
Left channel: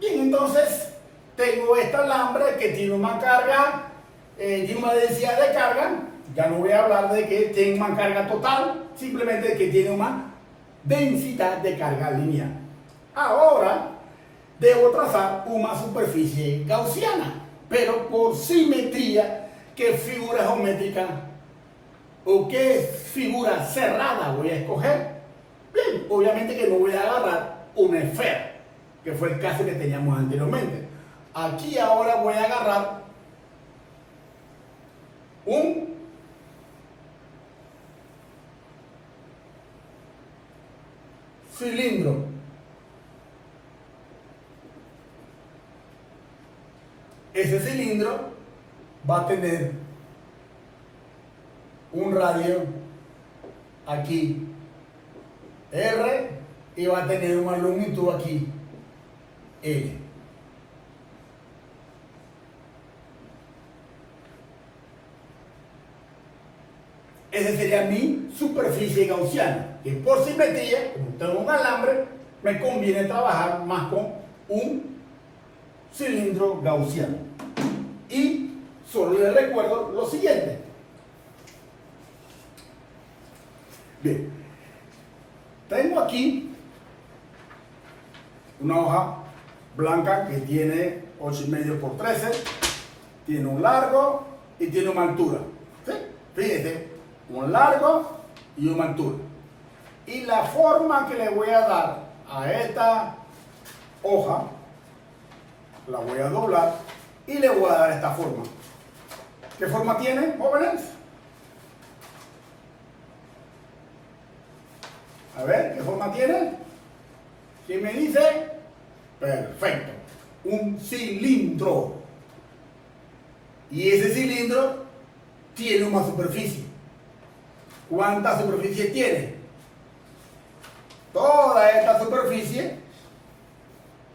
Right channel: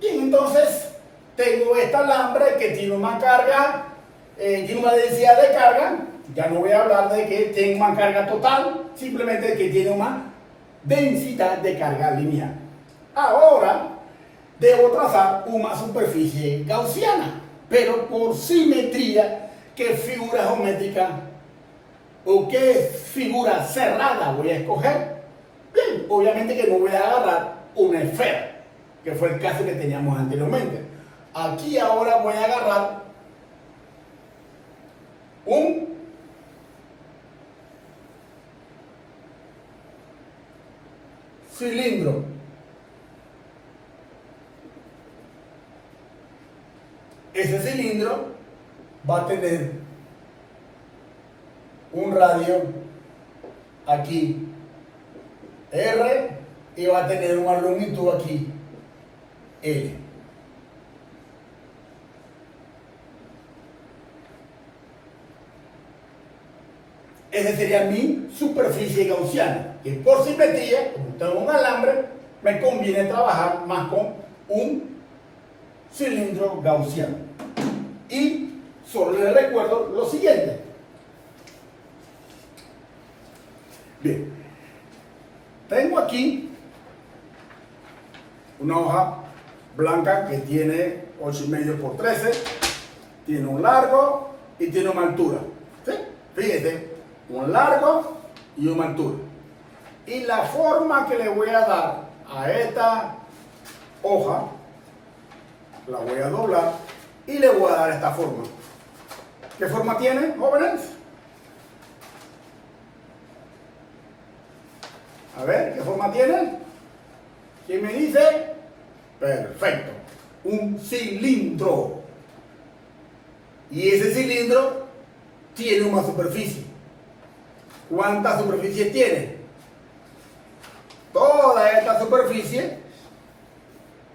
y entonces tengo este alambre que tiene una carga, tiene una densidad de carga. Ya no voy a hablar de que tiene una carga total, simplemente que tiene una densidad de carga lineal. Ahora debo trazar una superficie gaussiana, pero por simetría, ¿qué figura geométrica o qué figura cerrada voy a escoger? Bien, obviamente que no voy a agarrar una esfera, que fue el caso que teníamos anteriormente. Aquí ahora voy a agarrar un cilindro. Ese cilindro va a tener un radio aquí R y va a tener una longitud aquí L. Esa sería mi superficie gaussiana, que por simetría, como tengo un alambre, me conviene trabajar más con un cilindro gaussiano. Y solo les recuerdo lo siguiente. Bien, tengo aquí una hoja blanca que tiene 8,5 por 13, tiene un largo y tiene una altura. ¿Sí? Fíjense, un largo y una altura. Y la forma que le voy a dar a esta hoja, la voy a doblar y le voy a dar esta forma. ¿Qué forma tiene, jóvenes? A ver, ¿qué forma tiene? ¿Quién me dice? Perfecto. Un cilindro. Y ese cilindro tiene una superficie. ¿Cuánta superficie tiene? Toda esta superficie,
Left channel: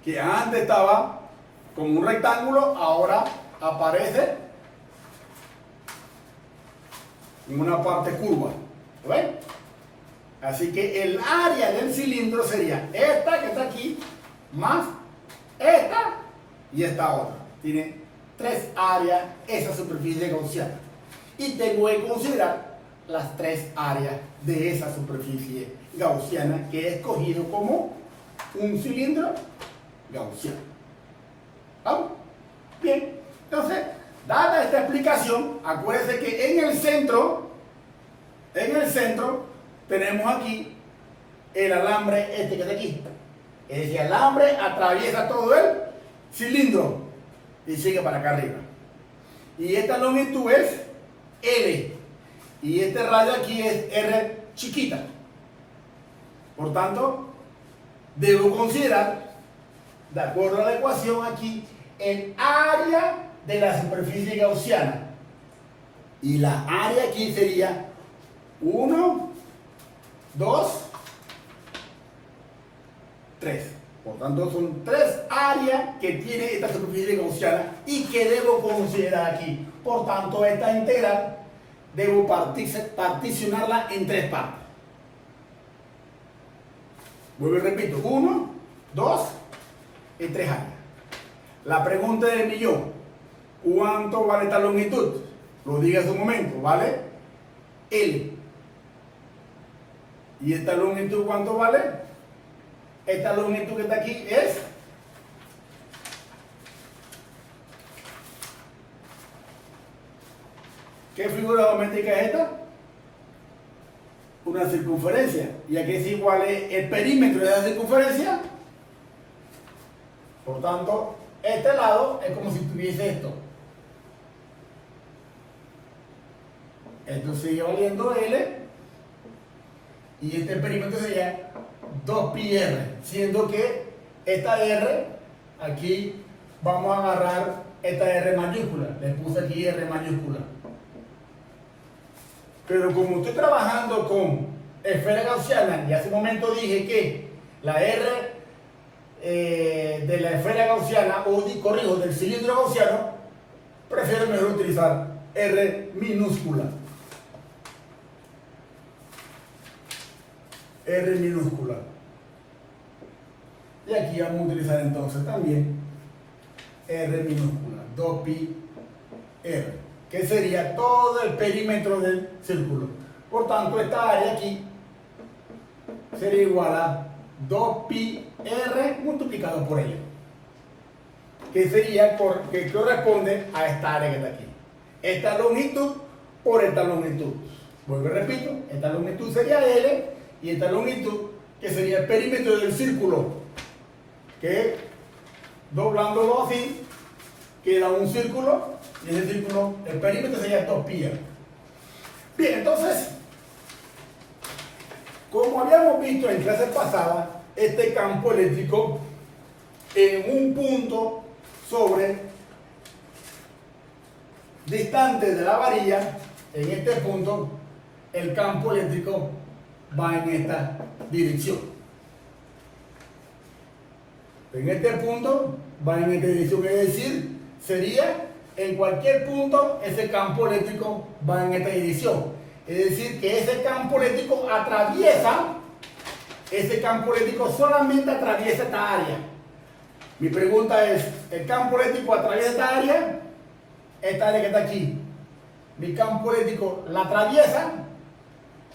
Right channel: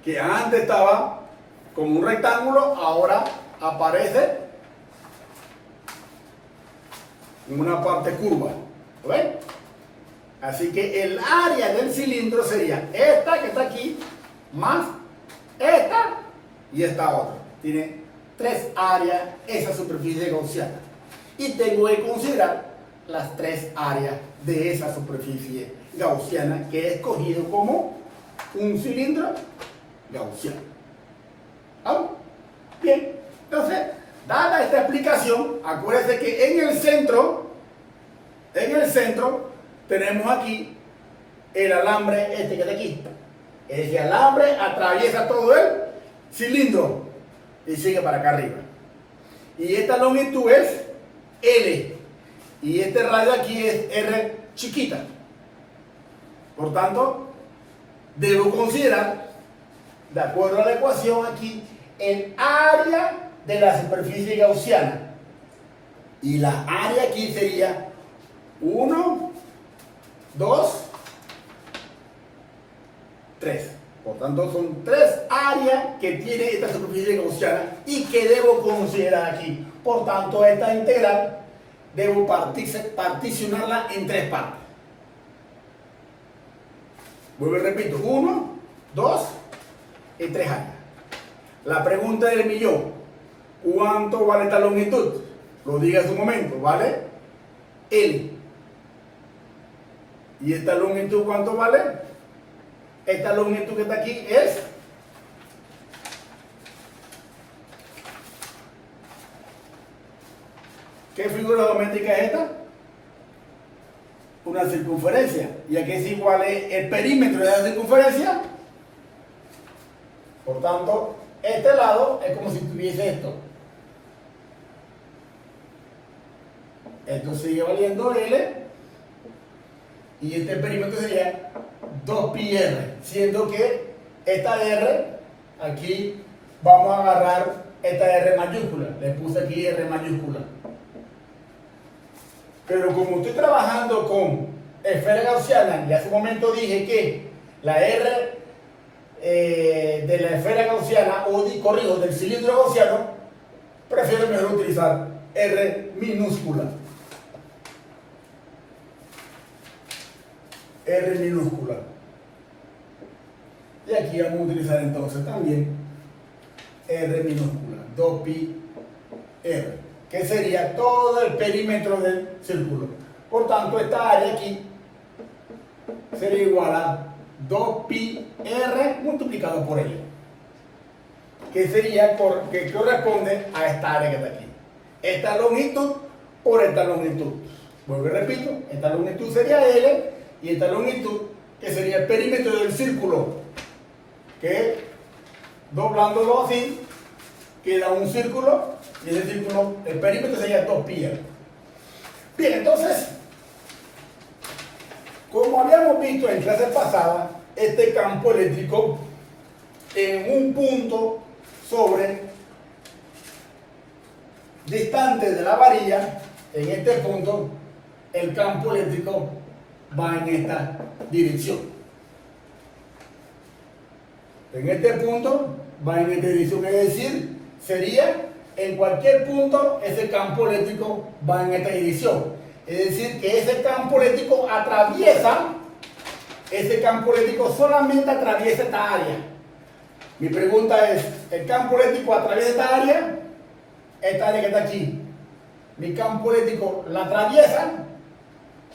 que antes estaba como un rectángulo, ahora aparece en una parte curva. ¿Ven? Así que el área del cilindro sería esta que está aquí, más esta y esta otra. Tiene 3 áreas esa superficie gaussiana. Y tengo que considerar las 3 áreas de esa superficie gaussiana que he escogido como un cilindro gaussiano. ¿Vamos? Bien, entonces, dada esta explicación, acuérdense que en el centro tenemos aquí el alambre este que está aquí. Ese alambre atraviesa todo el cilindro y sigue para acá arriba. Y esta longitud es L. Y este radio aquí es R chiquita. Por tanto, debo considerar, de acuerdo a la ecuación aquí, el área de la superficie gaussiana. Y la área aquí sería 1, 2, 3. Por tanto, son 3 áreas que tiene esta superficie gaussiana y que debo considerar aquí. Por tanto, esta integral debo particionarla en 3 partes. Vuelvo y repito, 1, 2 y 3 áreas. La pregunta del millón: ¿cuánto vale esta longitud? Lo dije hace un momento, ¿vale? L. ¿Y esta longitud cuánto vale? Esta longitud que está aquí es ¿qué figura geométrica es esta? Una circunferencia. ¿Y aquí es igual el perímetro de la circunferencia? Por tanto, este lado es como si tuviese esto. Esto sigue valiendo L. Y este perímetro sería 2πr, siendo que esta R, aquí vamos a agarrar esta R mayúscula. Le puse aquí R mayúscula. Pero como estoy trabajando con esfera gaussiana, y hace un momento dije que la R de la esfera gaussiana, o corrijo, del cilindro gaussiano, prefiero mejor utilizar R minúscula. R minúscula. Y aquí vamos a utilizar entonces también R minúscula, 2πr, que sería todo el perímetro del círculo. Por tanto, esta área aquí sería igual a 2πr multiplicado por L, que sería que corresponde a esta área que está aquí. Esta longitud por esta longitud. Vuelvo y repito, esta longitud sería L y esta longitud, que sería el perímetro del círculo, que doblándolo así queda un círculo, y ese círculo, el perímetro sería 2πr. Bien, entonces, como habíamos visto en clases pasadas, este campo eléctrico en un punto sobre distante de la varilla. En este punto el campo eléctrico va en esta dirección. En este punto va en esta dirección, es decir, sería en cualquier punto ese campo eléctrico va en esta dirección. Es decir, que ese campo eléctrico solamente atraviesa esta área. Mi pregunta es, ¿el campo eléctrico atraviesa esta área? Esta área que está aquí. ¿Mi campo eléctrico la atraviesa?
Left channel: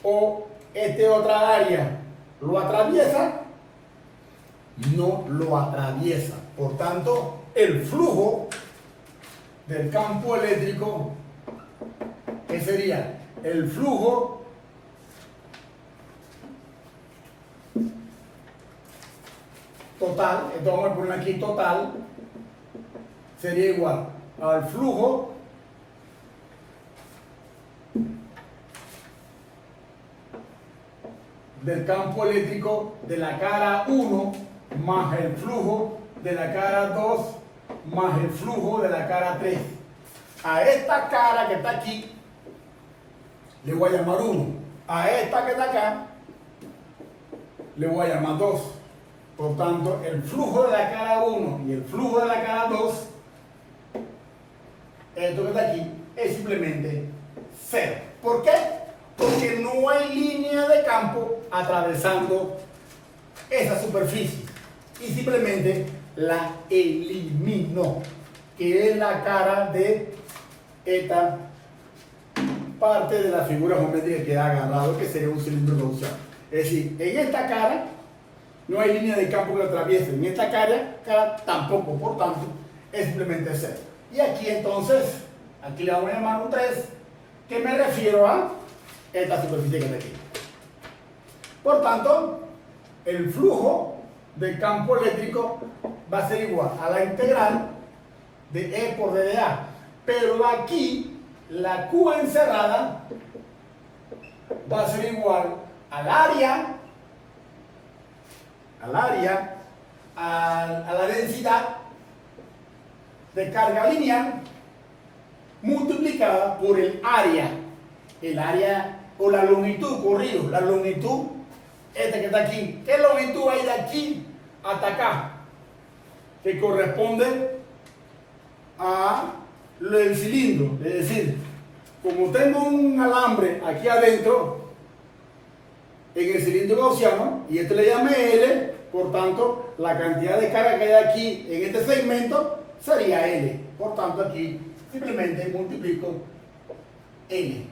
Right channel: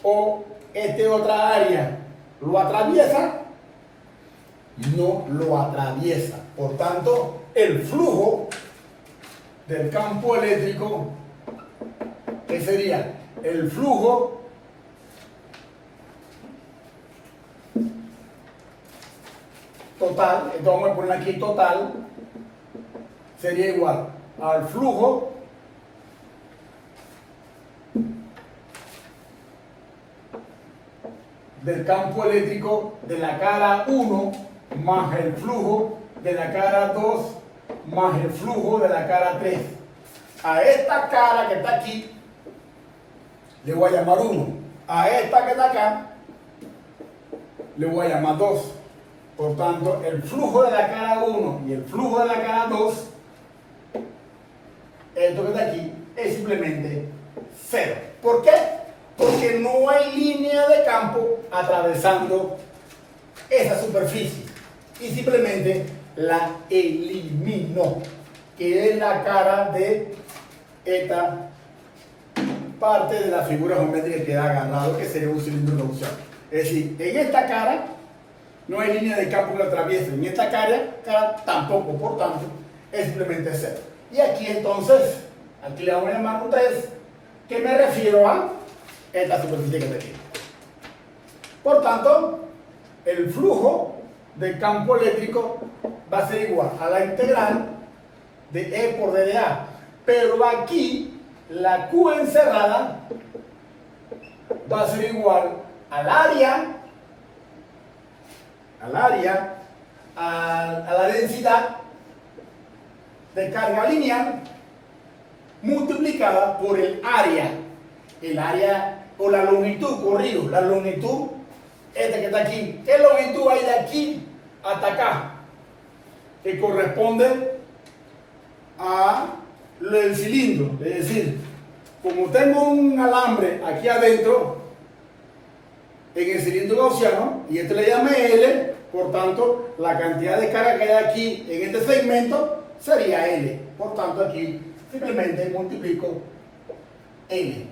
¿O esta otra área lo atraviesa? No lo atraviesa. Por tanto, el flujo del campo eléctrico, ¿qué sería? El flujo total, entonces vamos a poner aquí total, sería igual al flujo del campo eléctrico de la cara 1 más el flujo de la cara 2 más el flujo de la cara 3. A esta cara que está aquí le voy a llamar 1. A esta que está acá le voy a llamar 2. Por tanto, el flujo de la cara 1 y el flujo de la cara 2, esto que está aquí, es simplemente 0. ¿Por qué? Porque no hay línea de campo atravesando esa superficie. Y simplemente la elimino, que es la cara de esta parte de la figura geométrica que ha agarrado, que sería un cilindro gaussiano. Es decir, en esta cara no hay línea de campo que lo atraviese, en esta cara tampoco, por tanto, es simplemente 0. Y aquí entonces, aquí le vamos a llamar un 3, que me refiero a esta superficie que está aquí. Por tanto, el flujo del campo eléctrico va a ser igual a la integral de E por D de A. Pero aquí, la Q encerrada va a ser igual al área, a la densidad de carga lineal multiplicada por el área o la longitud, corrido, la longitud, esta que está aquí. ¿Qué longitud hay de aquí hasta acá? Que corresponde a el cilindro. Es decir, como tengo un alambre aquí adentro en el cilindro gaussiano, y este le llamé L, por tanto, la cantidad de carga que hay aquí en este segmento sería L. Por tanto, aquí simplemente multiplico L.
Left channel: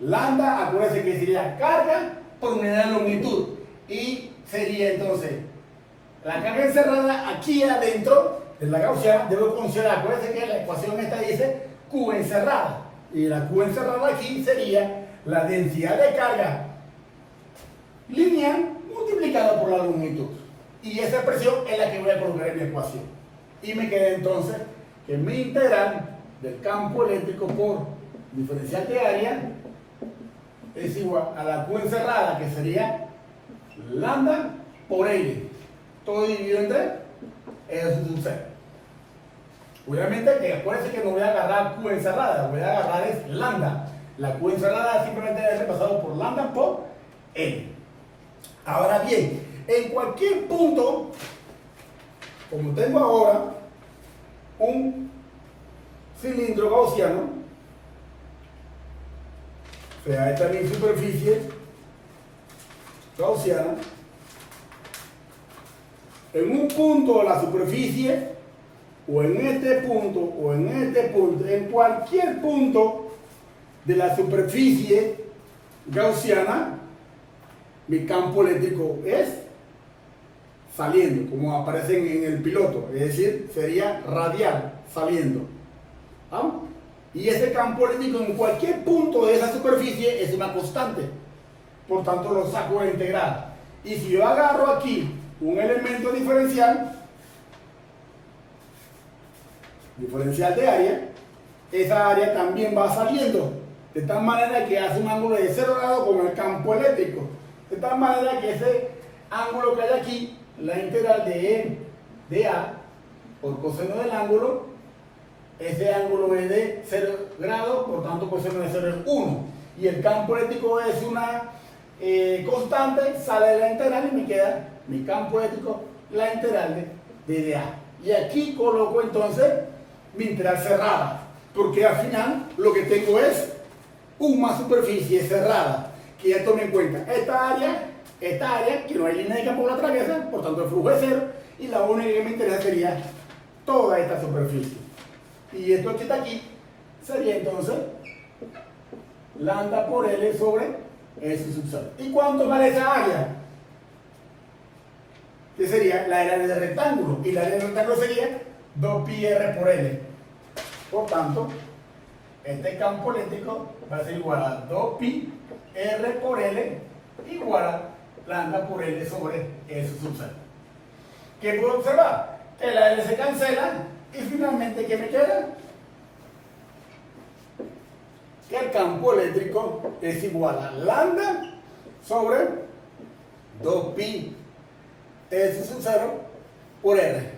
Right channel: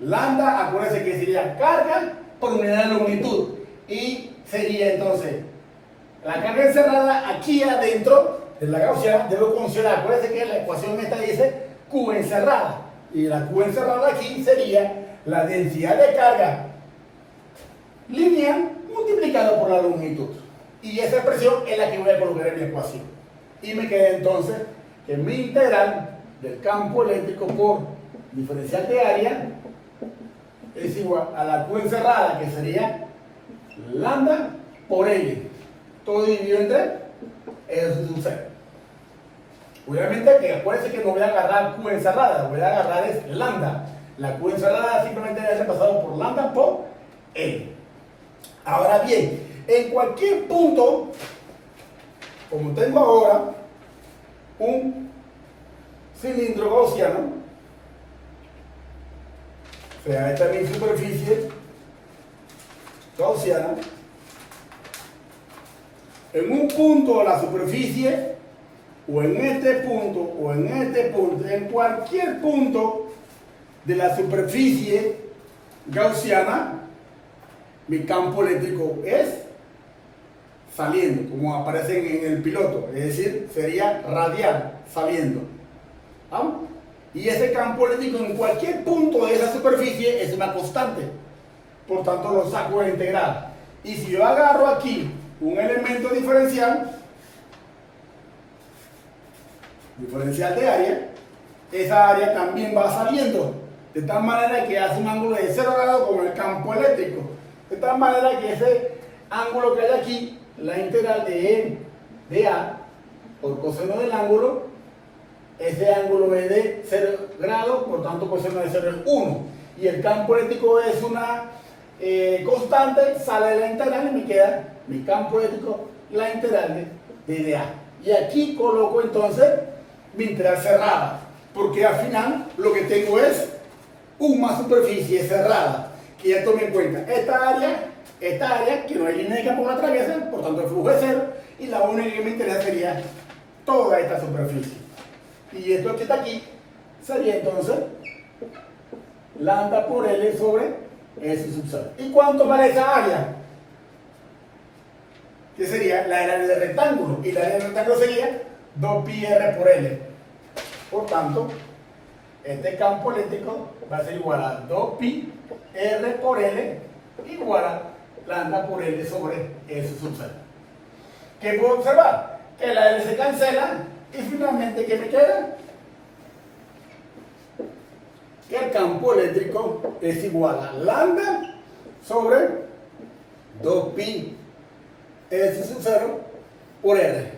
Lambda, acuérdense que sería carga por unidad de longitud. Y sería entonces la carga encerrada aquí adentro de la gaussiana. Debo considerar, acuérdense que la ecuación esta dice Q encerrada. Y la Q encerrada aquí sería la densidad de carga lineal multiplicado por la longitud. Y esa expresión es la que voy a colocar en mi ecuación. Y me queda entonces que mi integral del campo eléctrico por diferencial de área es igual a la Q encerrada, que sería lambda por L. Todo dividido entre eso sub 0. Obviamente que acuérdense que no voy a agarrar Q encerrada, voy a agarrar es lambda. La Q encerrada simplemente debe ser pasado por lambda por L. Ahora bien, en cualquier punto, como tengo ahora un cilindro gaussiano, o sea, esta es mi superficie gaussiana, en un punto de la superficie, o en este punto, o en este punto, en cualquier punto de la superficie gaussiana, mi campo eléctrico es saliendo, como aparece en el piloto, es decir, sería radial, saliendo. ¿Vamos? Y ese campo eléctrico en cualquier punto de esa superficie es una constante, por tanto lo saco de la integral. Y si yo agarro aquí un elemento diferencial de área, esa área también va saliendo, de tal manera que hace un ángulo de 0 grados con el campo eléctrico. De tal manera que ese ángulo que hay aquí, la integral de E de A por coseno del ángulo, ese ángulo es de 0 grados, por tanto coseno de 0 es 1. Y el campo eléctrico es una constante, sale de la integral y me queda mi campo eléctrico, la integral de A. Y aquí coloco entonces mi integral cerrada, porque al final lo que tengo es una superficie cerrada, que ya tome en cuenta esta área, que no hay línea de campo que la atraviesa, por tanto el flujo es cero, y la única que me interesa sería toda esta superficie. Y esto que está aquí sería entonces lambda por L sobre S sub 0. ¿Y cuánto vale esa área? Que sería la área del rectángulo, y la área del rectángulo sería 2πr por L. Por tanto, este campo eléctrico va a ser igual a 2πr por L igual a lambda por L sobre S sub 0. ¿Qué puedo observar? Que la L se cancela y finalmente ¿qué me queda? Que el campo eléctrico es igual a lambda sobre 2pi S sub 0 por R.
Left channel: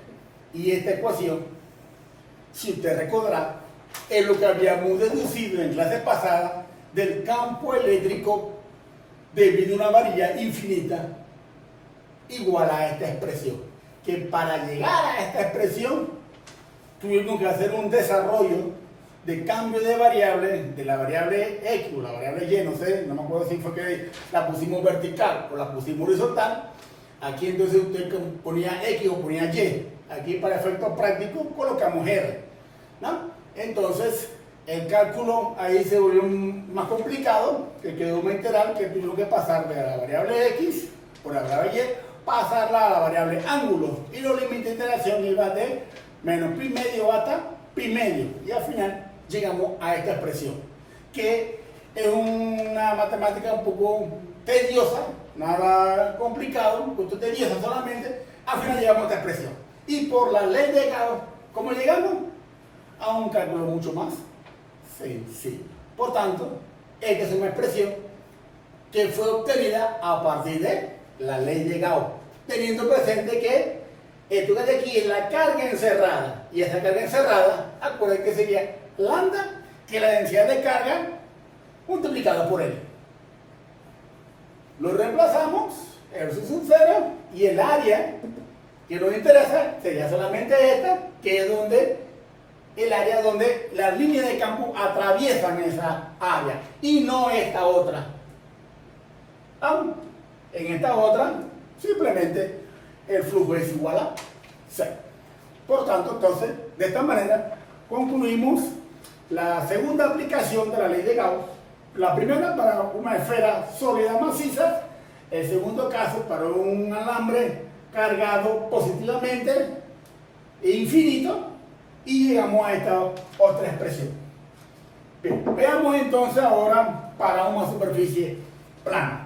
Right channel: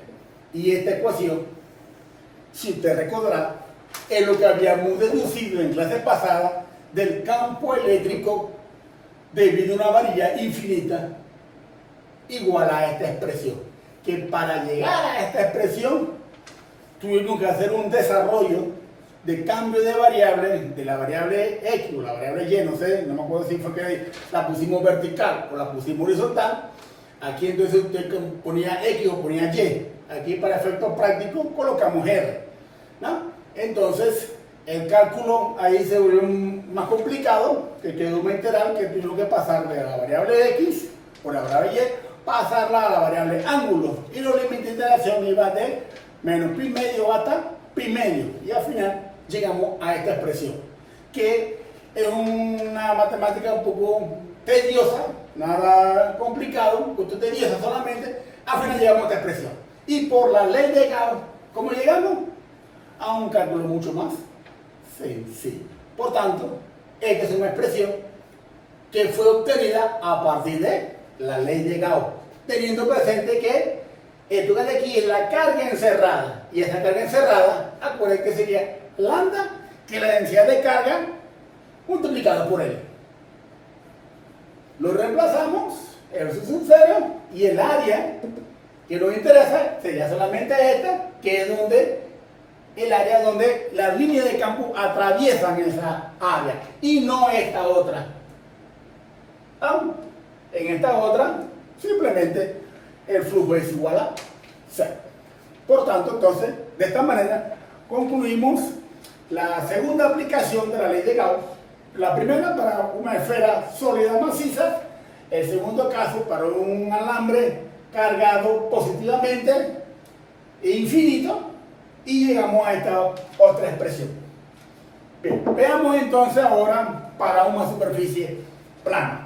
Y esta ecuación, si usted recordará, es lo que habíamos deducido en clase pasada del campo eléctrico debido a una varilla infinita igual a esta expresión. Que para llegar a esta expresión tuvimos que hacer un desarrollo de cambio de variables, de la variable X o la variable Y, no sé, no me acuerdo si fue que la pusimos vertical o la pusimos horizontal. Aquí entonces usted ponía X o ponía Y. Aquí para efectos prácticos colocamos R, ¿no? Entonces el cálculo ahí se volvió más complicado, que quedó una integral que tuvimos que pasar de la variable X o la variable Y, pasarla a la variable ángulo. Y los límites de integración iba de menos pi medio hasta pi medio. Y al final llegamos a esta expresión, que es una matemática un poco tediosa, nada complicado, justo tediosa solamente. Al final llegamos a esta expresión. Y por la ley de Gauss, ¿cómo llegamos? A un cálculo mucho más sencillo. Por tanto, esta es una expresión que fue obtenida a partir de la ley de Gauss, teniendo presente que esto que hay aquí es la carga encerrada, y esa carga encerrada, acuérdense que sería lambda, que es la densidad de carga multiplicada por L. Lo reemplazamos, eso es un cero, y el área que nos interesa sería solamente esta, que es donde el área donde las líneas de campo atraviesan esa área, y no esta otra. En esta otra, simplemente el flujo es igual a 0. Por tanto, entonces, de esta manera, concluimos la segunda aplicación de la ley de Gauss. La primera para una esfera sólida maciza, el segundo caso para un alambre cargado positivamente e infinito, y llegamos a esta otra expresión. Bien, veamos entonces ahora para una superficie plana.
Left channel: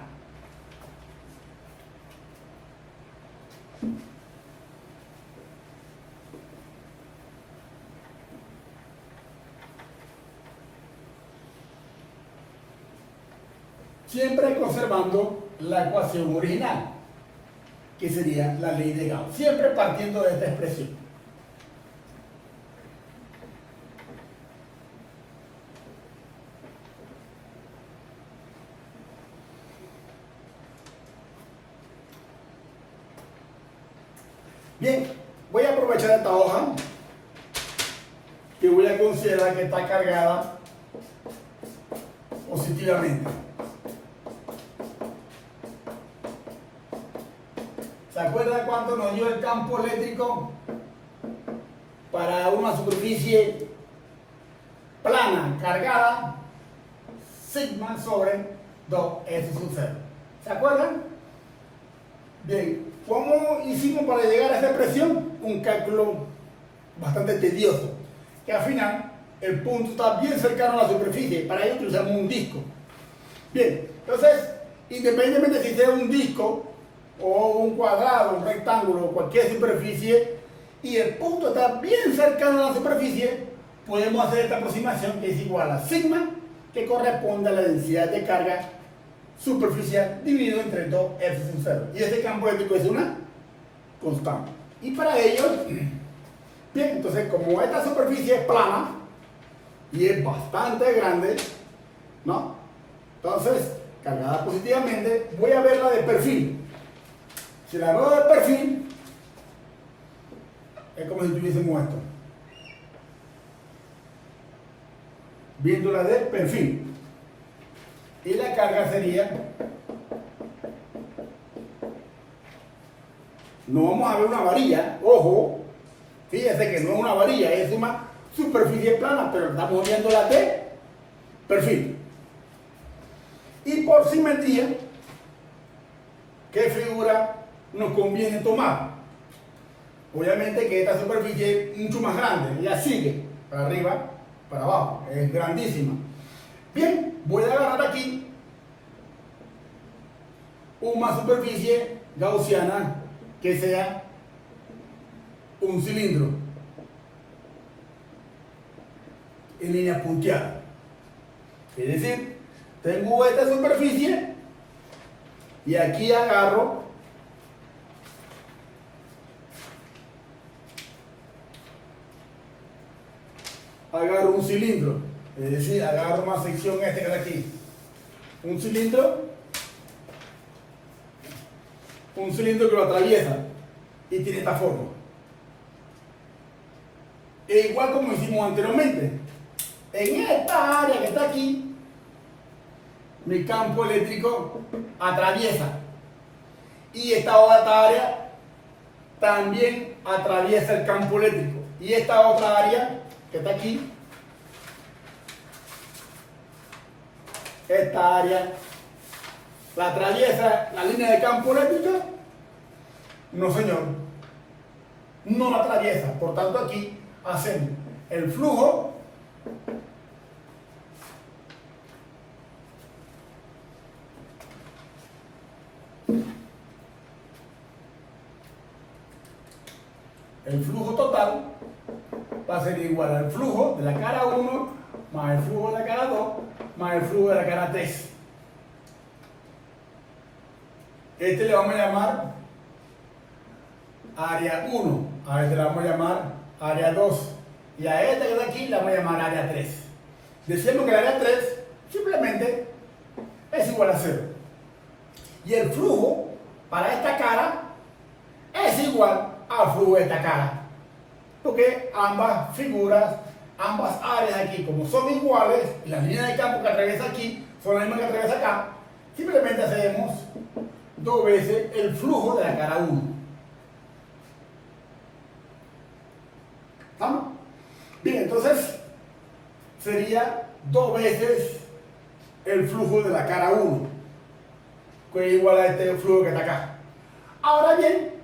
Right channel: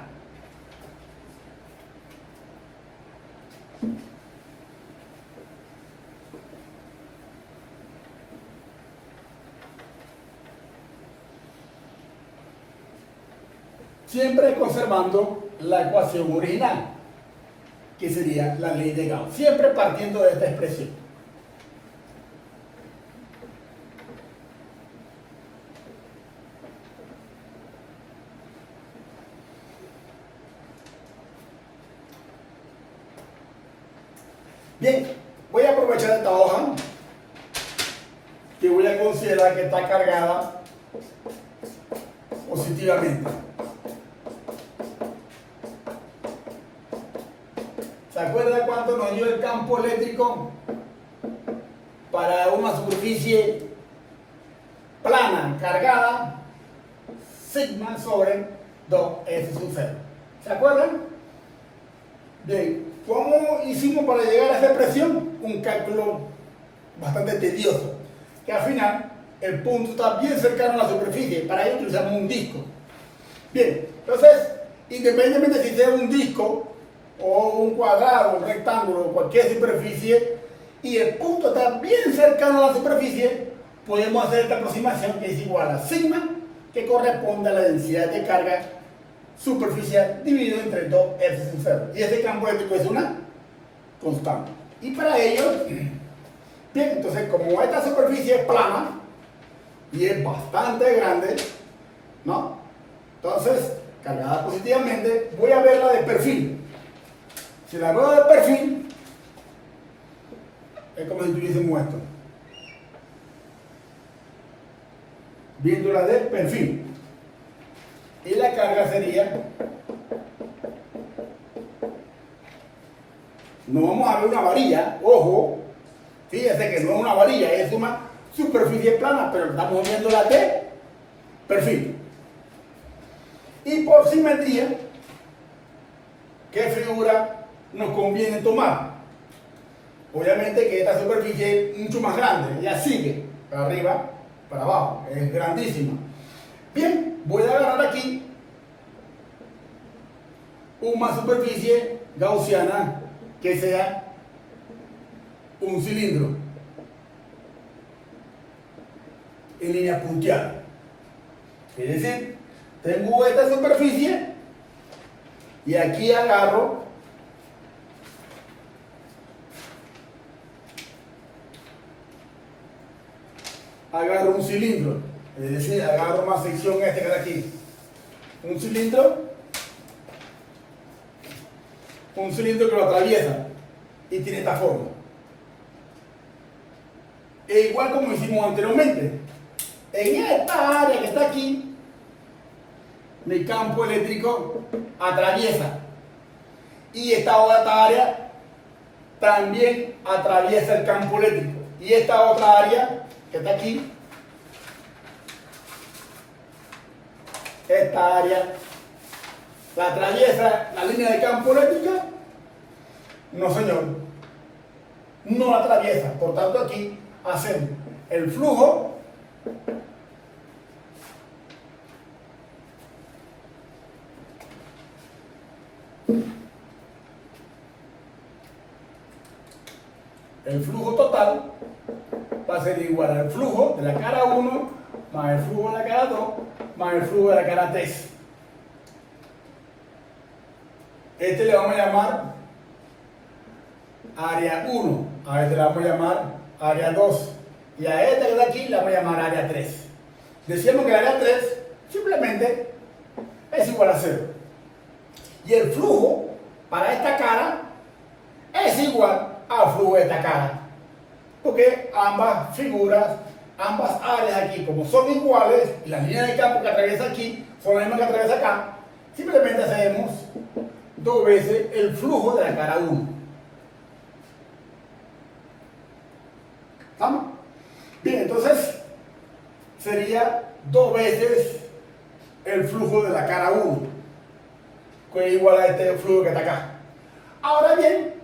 Siempre conservando la ecuación original, que sería la ley de Gauss, siempre partiendo de esta expresión. Bien, voy a aprovechar esta hoja, que voy a considerar que está cargada positivamente. ¿Se acuerdan cuánto nos dio el campo eléctrico para una superficie plana, cargada? Sigma sobre 2S sub 0. ¿Se acuerdan? Bien, ¿cómo hicimos para llegar a esa expresión? Un cálculo bastante tedioso, que al final el punto está bien cercano a la superficie. Para ello utilizamos un disco. Bien, entonces, independientemente si sea un disco o un cuadrado, un rectángulo, cualquier superficie, y el punto está bien cercano a la superficie, podemos hacer esta aproximación, que es igual a sigma, que corresponde a la densidad de carga superficial dividido entre 2R sub 0. Y este campo eléctrico es una constante. Y para ello, bien, entonces como esta superficie es plana y es bastante grande, ¿no? Entonces, cargada positivamente, voy a verla de perfil. Si la veo de perfil, es como si tuviésemos esto. Viéndola de perfil. Y la carga sería, no vamos a ver una varilla, ojo, fíjense que no es una varilla, es una superficie plana, pero estamos viendo la de perfil. Y por simetría, ¿qué figura nos conviene tomar? Obviamente que esta superficie es mucho más grande, ya sigue, para arriba, para abajo, es grandísima. Bien, voy a agarrar aquí una superficie gaussiana que sea un cilindro en línea punteada. Es decir, tengo esta superficie y aquí agarro un cilindro, es decir, agarro una sección que está aquí, un cilindro que lo atraviesa y tiene esta forma. E igual como hicimos anteriormente, en esta área que está aquí, mi campo eléctrico atraviesa y esta otra área también atraviesa el campo eléctrico y esta otra área que está aquí, esta área la atraviesa la línea de campo eléctrica. No señor, no la atraviesa. Por tanto aquí hacemos el flujo total va a ser igual al flujo de la cara 1 más el flujo de la cara 2 más el flujo de la cara 3. Este le vamos a llamar área 1, a este le vamos a llamar área 2 y a este que está aquí le vamos a llamar área 3. Decíamos que el área 3 simplemente es igual a 0. Y el flujo para esta cara es igual al flujo de esta cara. Porque ambas figuras, ambas áreas aquí, como son iguales, y las líneas de campo que atraviesa aquí son las mismas que atraviesa acá, simplemente hacemos 2 veces el flujo de la cara 1. ¿Vamos? Bien, entonces sería 2 veces el flujo de la cara 1, que es igual a este flujo que está acá. Ahora bien,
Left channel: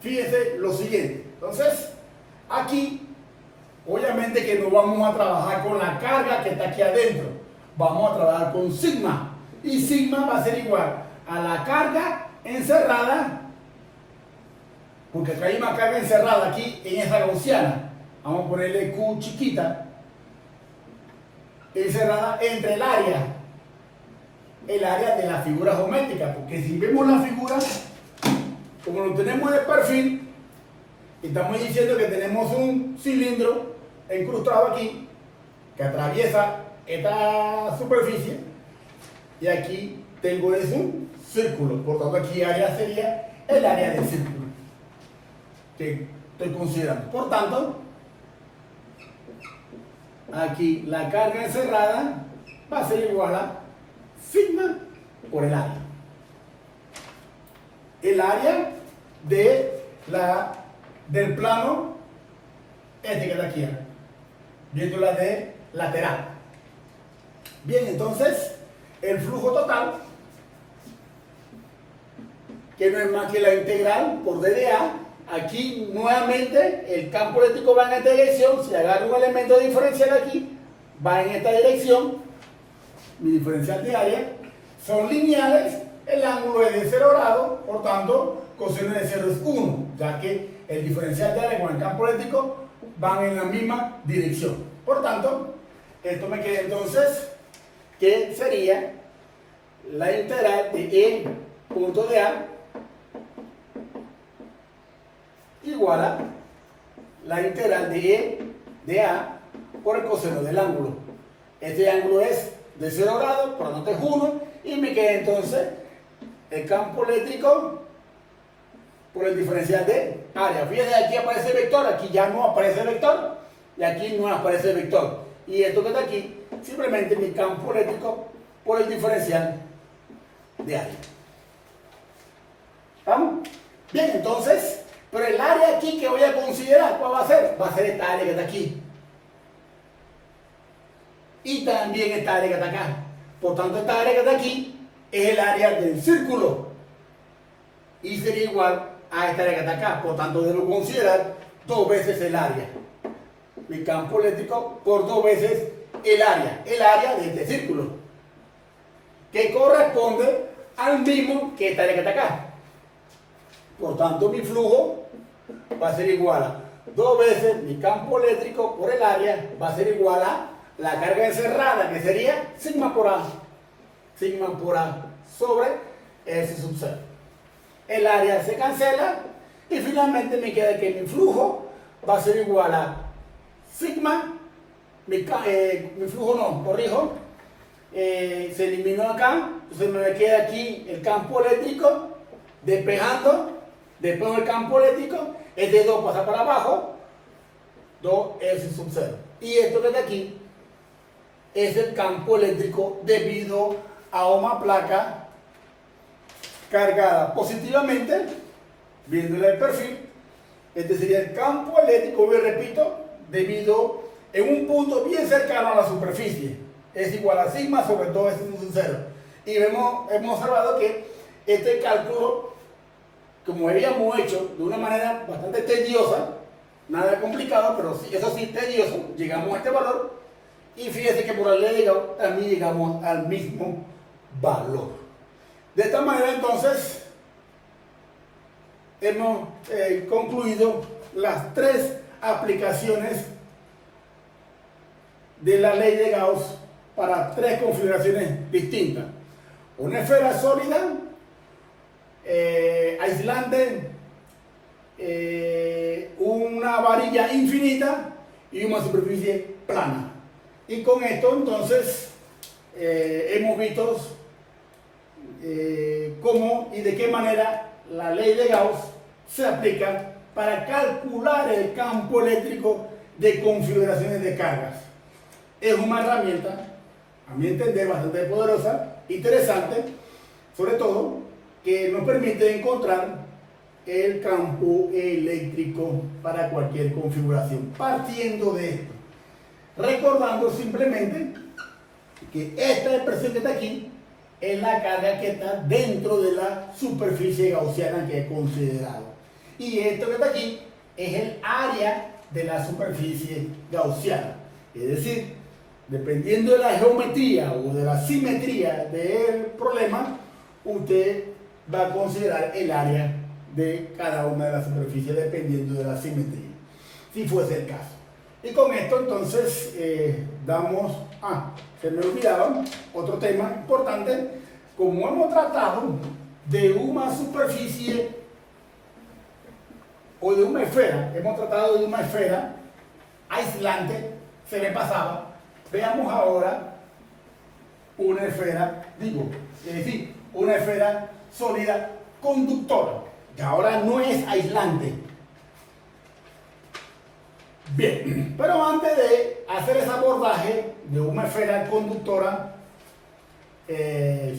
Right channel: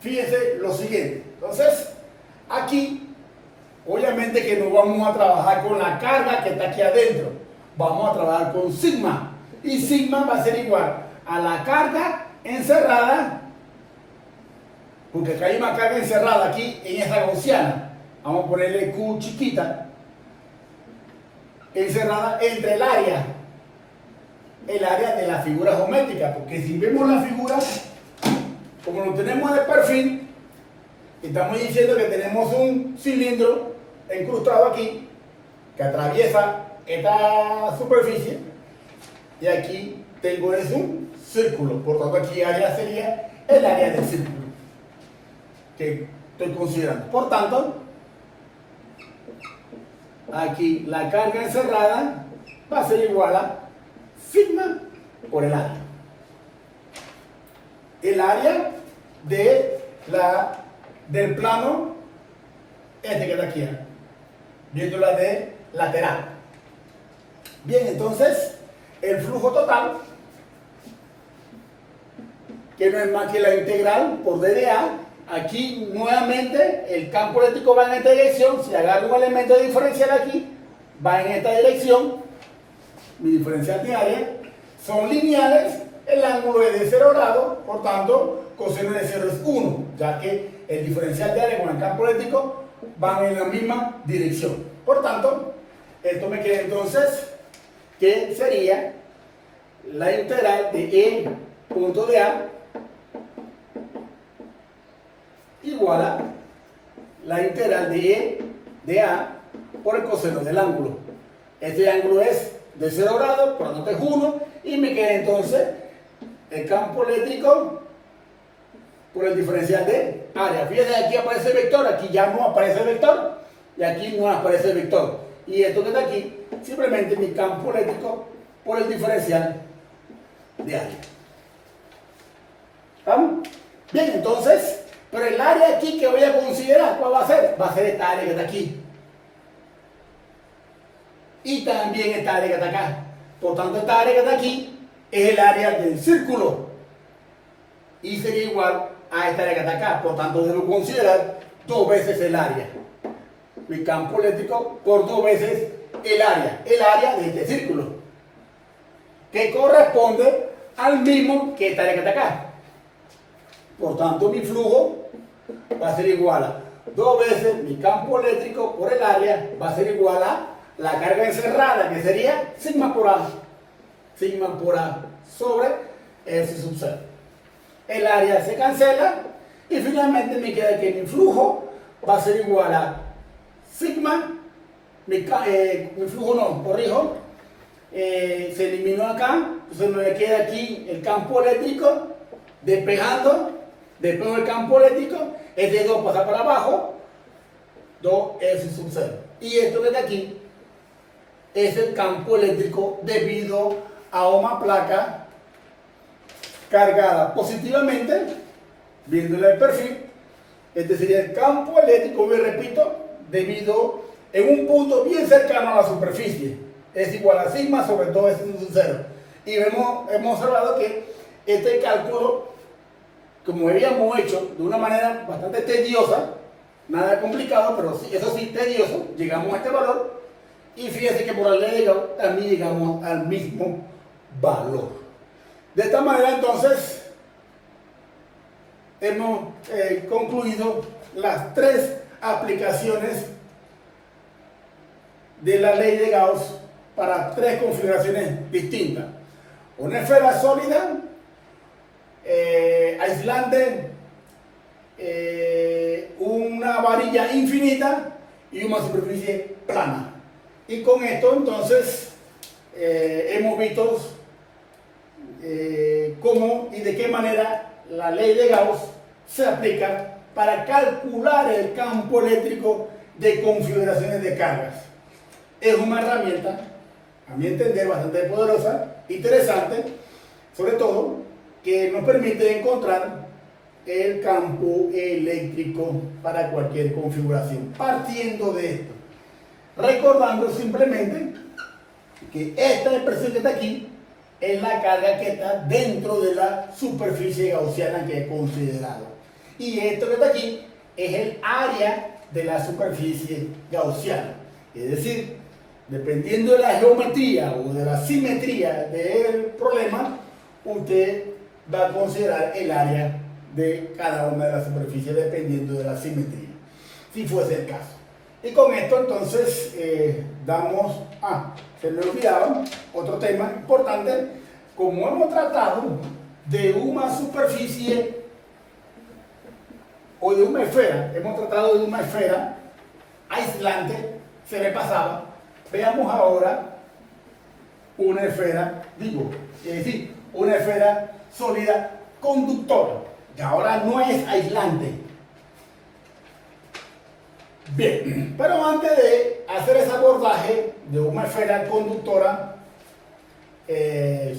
fíjense lo siguiente. Entonces, aquí, obviamente que no vamos a trabajar con la carga que está aquí adentro. Vamos a trabajar con sigma. Y sigma va a ser igual a la carga encerrada, porque acá hay una carga encerrada aquí en esta gaussiana. Vamos a ponerle Q chiquita, encerrada entre el área de la figura geométrica, porque si vemos la figura, como lo tenemos de perfil, estamos diciendo que tenemos un cilindro incrustado aquí que atraviesa esta superficie y aquí tengo es un círculo, por tanto aquí área sería el área del círculo que estoy considerando. Por tanto, aquí la carga encerrada va a ser igual a sigma por el área. El área del plano este que está aquí, viéndola de lateral. Bien, entonces el flujo total, que no es más que la integral por dA, aquí nuevamente el campo eléctrico va en esta dirección. Si agarro un elemento diferencial aquí, va en esta dirección. Mi diferencial de área son lineales, el ángulo es de 0 grados, por tanto coseno de 0 es 1, ya que el diferencial de área con el campo eléctrico van en la misma dirección. Por tanto, esto me queda entonces que sería la integral de E punto de A igual a la integral de E de A por el coseno del ángulo. Este ángulo es de 0 grados, por lo tanto es 1, y me queda entonces el campo eléctrico por el diferencial de área. Fíjense, aquí aparece el vector, aquí ya no aparece el vector, y aquí no aparece el vector. Y esto que está aquí, simplemente mi campo eléctrico por el diferencial de área. ¿Vamos? Bien, entonces, pero el área aquí que voy a considerar, ¿cuál va a ser? Va a ser esta área que está aquí. Y también esta área que está acá. Por tanto, esta área que está aquí es el área del círculo. Y sería igual a esta área que está acá. Por tanto, debo considerar 2 veces el área. Mi campo eléctrico por 2 veces el área de este círculo, que corresponde al mismo que esta área que está acá. Por tanto, mi flujo va a ser igual a 2 veces mi campo eléctrico por el área, va a ser igual a la carga encerrada, que sería sigma por A sobre S sub 0. El área se cancela y finalmente me queda que mi flujo va a ser igual a sigma, mi flujo no, corrijo, se eliminó acá, entonces me queda aquí el campo eléctrico despejando, despejo del campo eléctrico, este 2 pasa para abajo, 2S sub 0. Y esto que está aquí es el campo eléctrico debido a una placa cargada positivamente, viéndole el perfil. Este sería el campo eléctrico, me repito, debido en un punto bien cercano a la superficie. Es igual a sigma sobre todo S sub 0. Y hemos observado que este cálculo, como habíamos hecho de una manera bastante tediosa, nada complicado, pero sí, eso sí tedioso, llegamos a este valor. Y fíjense que por la ley de Gauss también llegamos al mismo valor. De esta manera, entonces, hemos concluido las 3 aplicaciones de la ley de Gauss para 3 configuraciones distintas. Una esfera sólida, aislante, una varilla infinita y una superficie plana. Y con esto, entonces, hemos visto cómo y de qué manera la ley de Gauss se aplica para calcular el campo eléctrico de configuraciones de cargas. Es una herramienta, a mi entender, bastante poderosa, interesante, sobre todo, que nos permite encontrar el campo eléctrico para cualquier configuración. Partiendo de esto, recordando simplemente que esta expresión que está aquí es la carga que está dentro de la superficie gaussiana que he considerado. Y esto que está aquí es el área de la superficie gaussiana. Es decir, dependiendo de la geometría o de la simetría del problema, usted va a considerar el área de cada una de las superficies dependiendo de la simetría, si fuese el caso. Y con esto entonces se me olvidaba otro tema importante. Como hemos tratado de una superficie o de una esfera, aislante, se me pasaba. Veamos ahora una esfera, una esfera sólida conductora, que ahora no es aislante. Bien, pero antes de hacer ese abordaje de una esfera conductora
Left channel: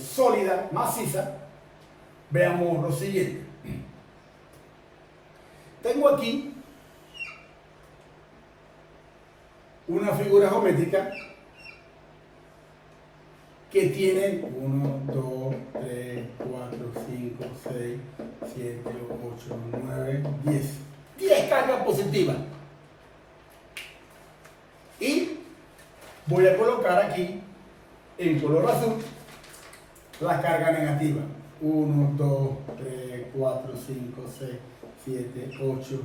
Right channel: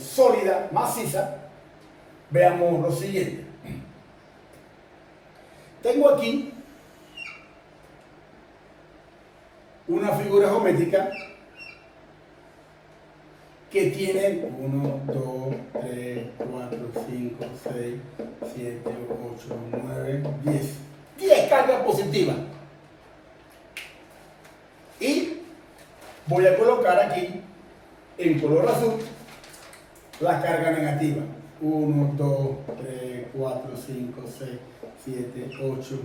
sólida, maciza, veamos lo siguiente. Tengo aquí una figura geométrica que tiene 1, 2, 3, 4, 5, 6, 7, 8, 9, 10 cargas positivas. Y voy a colocar aquí en color azul las cargas negativas. 1, 2, 3, 4, 5, 6, 7, 8,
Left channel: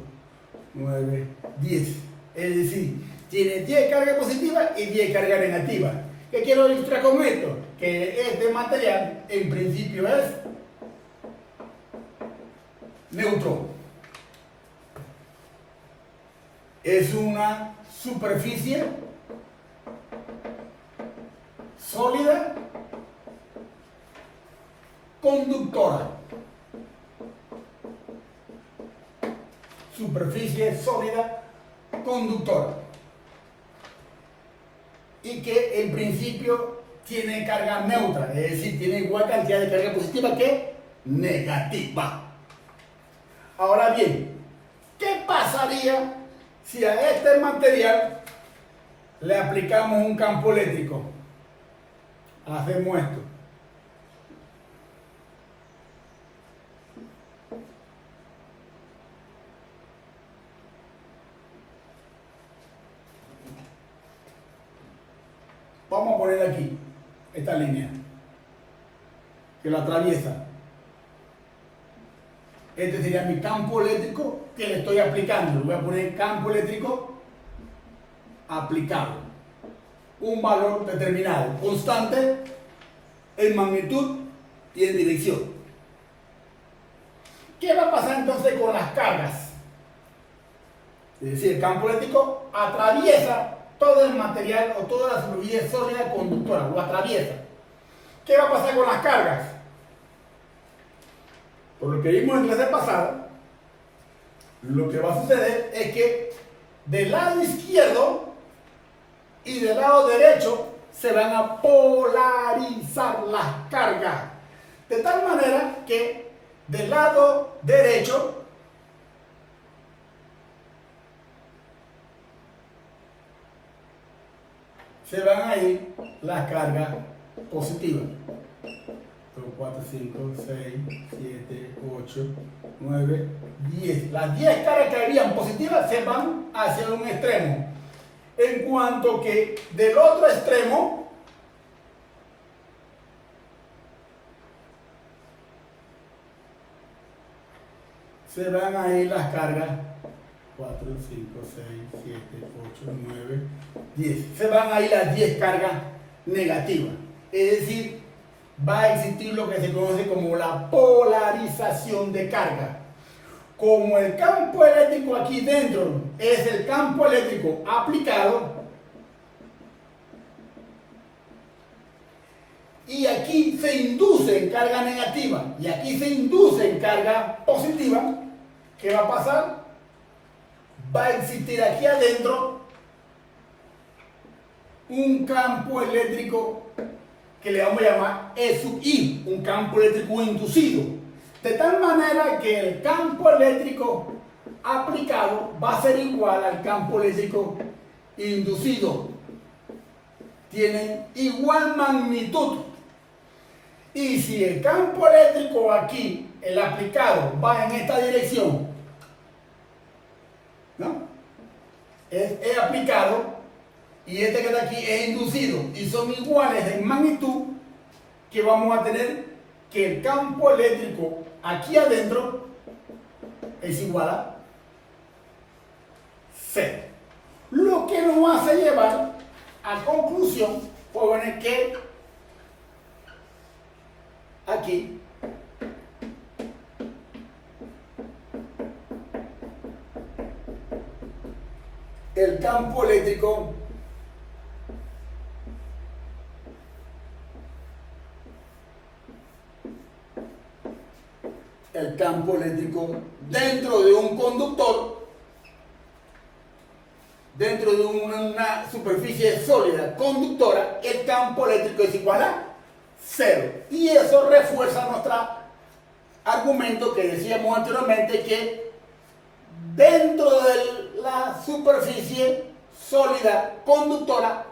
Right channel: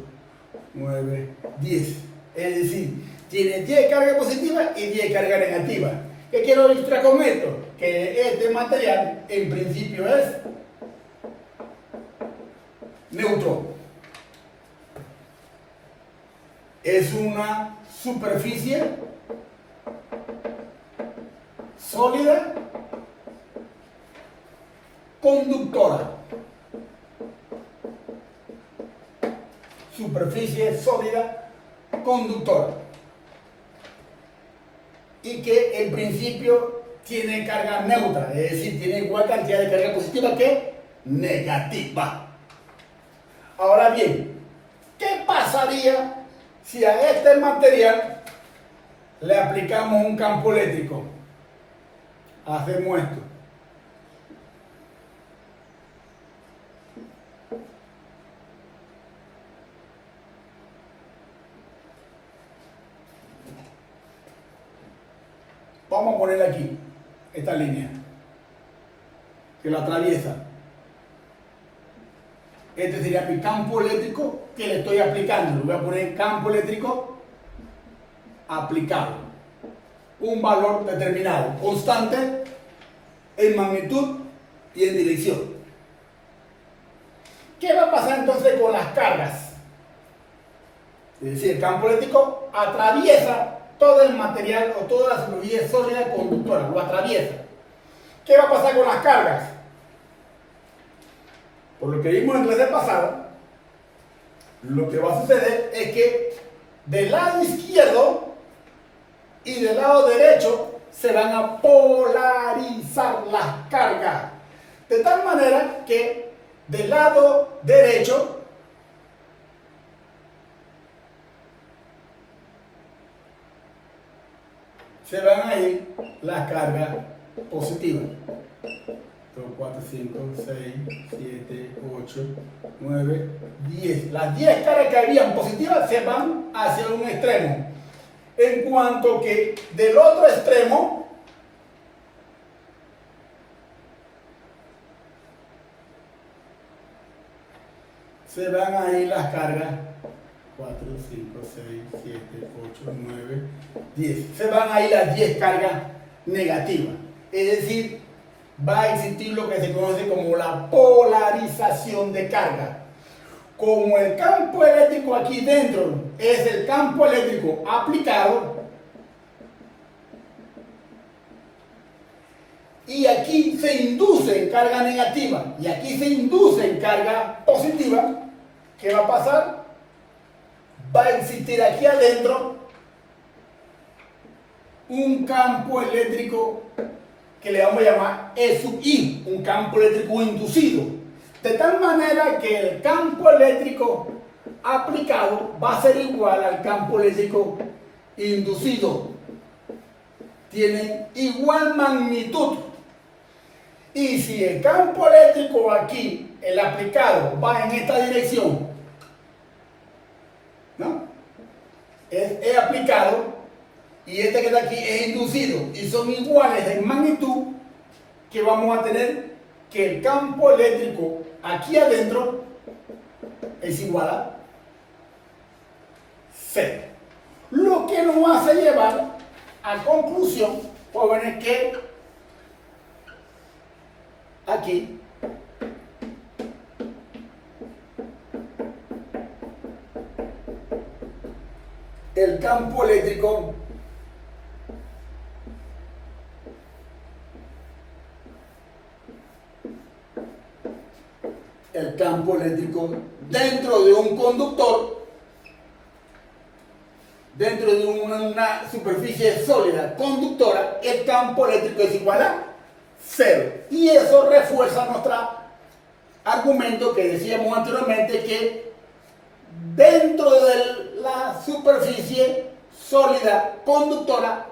9, 10. Es decir, tiene 10 cargas positivas y 10 cargas negativas. ¿Qué quiero ilustrar con esto? Que este material en principio es neutro. Es una superficie sólida conductora. Superficie sólida conductora. Y que en principio tiene carga neutra, es decir, tiene igual cantidad de carga positiva que negativa. Ahora bien, ¿qué pasaría si a este material le aplicamos un campo eléctrico? Hacemos esto. Vamos a poner aquí esta línea que lo atraviesa. Este sería mi campo eléctrico que le estoy aplicando. Le voy a poner campo eléctrico aplicado. Un valor determinado, constante en magnitud y en dirección. ¿Qué va a pasar entonces con las cargas? Es decir, el campo eléctrico atraviesa todo el material o toda la superficie sólida conductora, lo atraviesa. ¿Qué va a pasar con las cargas? Por lo que vimos en clase pasada, lo que va a suceder es que del lado izquierdo y del lado derecho se van a polarizar las cargas. De tal manera que del lado derecho se van a ir las cargas positivas. 4, 5, 6, 7, 8, 9, 10. Las 10 cargas que habían positivas se van hacia un extremo. En cuanto que del otro extremo se van a ir las cargas 4, 5, 6, 7, 8, 9, 10. Se van a ir las 10 cargas negativas. Es decir, va a existir lo que se conoce como la polarización de carga. Como el campo eléctrico aquí dentro es el campo eléctrico aplicado, y aquí se induce en carga negativa y aquí se induce en carga positiva, ¿qué va a pasar? Va a existir aquí adentro un campo eléctrico que le vamos a llamar E sub I, un campo eléctrico inducido. De tal manera que el campo eléctrico aplicado va a ser igual al campo eléctrico inducido. Tienen igual magnitud. Y si el campo eléctrico aquí, el aplicado, va en esta dirección, ¿no? Es aplicado, y este que está aquí es inducido, y son iguales en magnitud, que vamos a tener que el campo eléctrico aquí adentro es igual a 0. Lo que nos hace llevar a conclusión, jóvenes, que aquí el campo eléctrico dentro de un conductor, dentro de una superficie sólida conductora, el campo eléctrico es igual a 0. Y eso refuerza nuestro argumento que decíamos anteriormente, que dentro de la superficie sólida conductora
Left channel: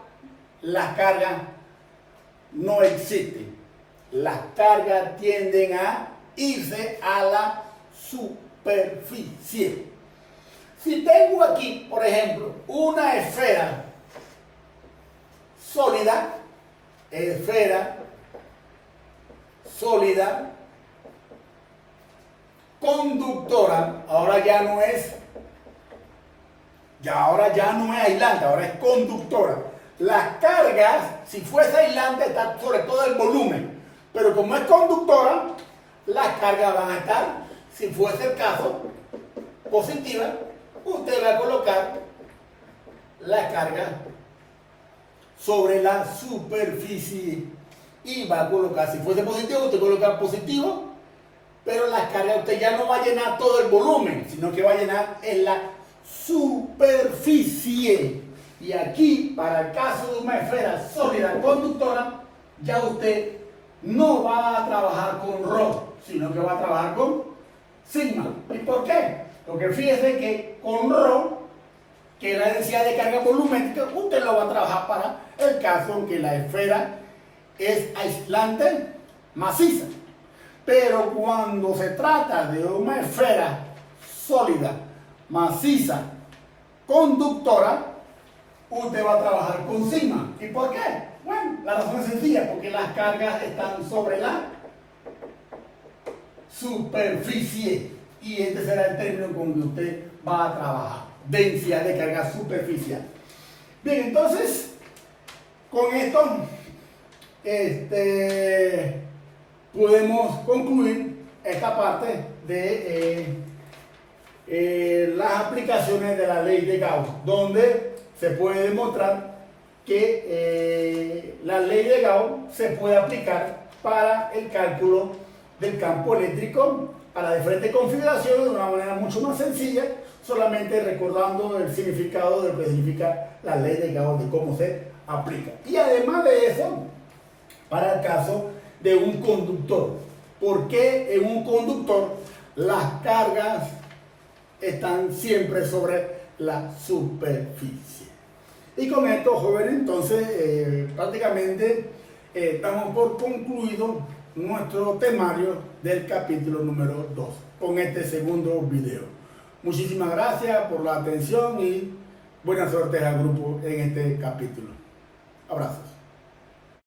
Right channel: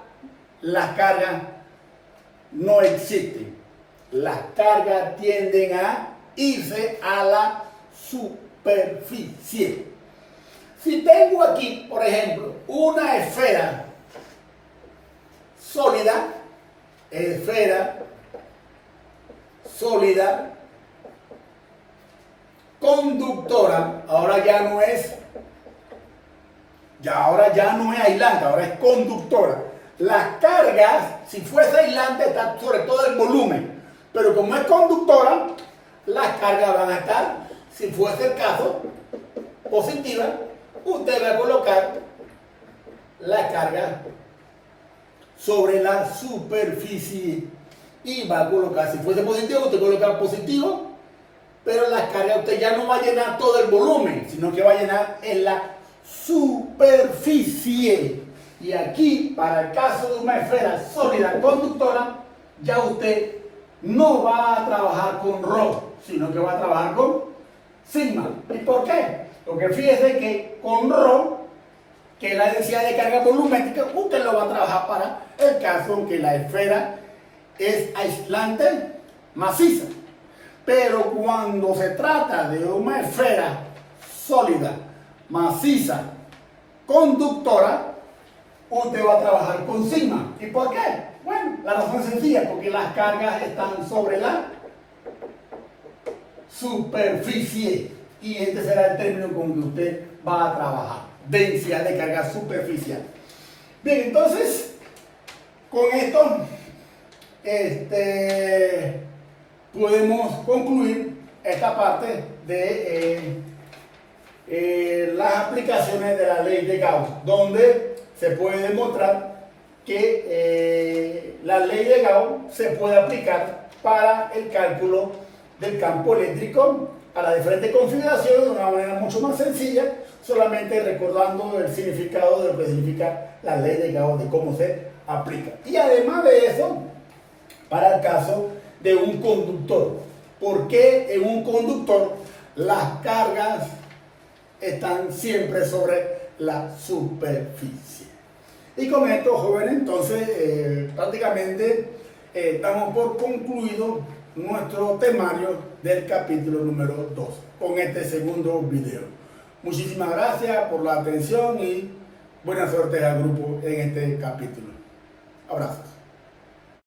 las cargas no existen. Las cargas tienden a irse a la superficie. Si tengo aquí, por ejemplo, una esfera sólida, conductora, ahora ya no es aislante, ahora es conductora. las cargas, si fuese aislante, está sobre todo el volumen, pero como es conductora, las cargas van a estar, si fuese el caso, positiva, usted va a colocar la carga sobre la superficie y va a colocar, si fuese positivo, usted coloca positivo, pero las cargas usted ya no va a llenar todo el volumen, sino que va a llenar en la superficie. Y aquí, para el caso de una esfera sólida conductora, ya usted no va a trabajar con ρ, sino que va a trabajar con sigma. ¿Y por qué? Porque fíjese que con ρ, que es la densidad de carga volumétrica, usted lo va a trabajar para el caso que la esfera es aislante, maciza. Pero cuando se trata de una esfera sólida, maciza, conductora, usted va a trabajar con sigma. ¿Y por qué? Bueno, la razón es sencilla, porque las cargas están sobre la superficie. Y este será el término con que usted va a trabajar. Densidad de carga superficial. Bien, entonces, con esto, podemos concluir esta parte de las aplicaciones de la ley de Gauss, donde se puede demostrar que la ley de Gauss se puede aplicar para el cálculo del campo eléctrico para diferentes configuraciones de una manera mucho más sencilla, solamente recordando el significado de lo que significa la ley de Gauss, de cómo se aplica. Y además de eso, para el caso de un conductor, ¿por qué en un conductor las cargas están siempre sobre la superficie? Y con esto, jóvenes, entonces prácticamente estamos por concluido nuestro temario del capítulo número 2 con este segundo video. Muchísimas gracias por la atención y buena suerte al grupo en este capítulo. Abrazos.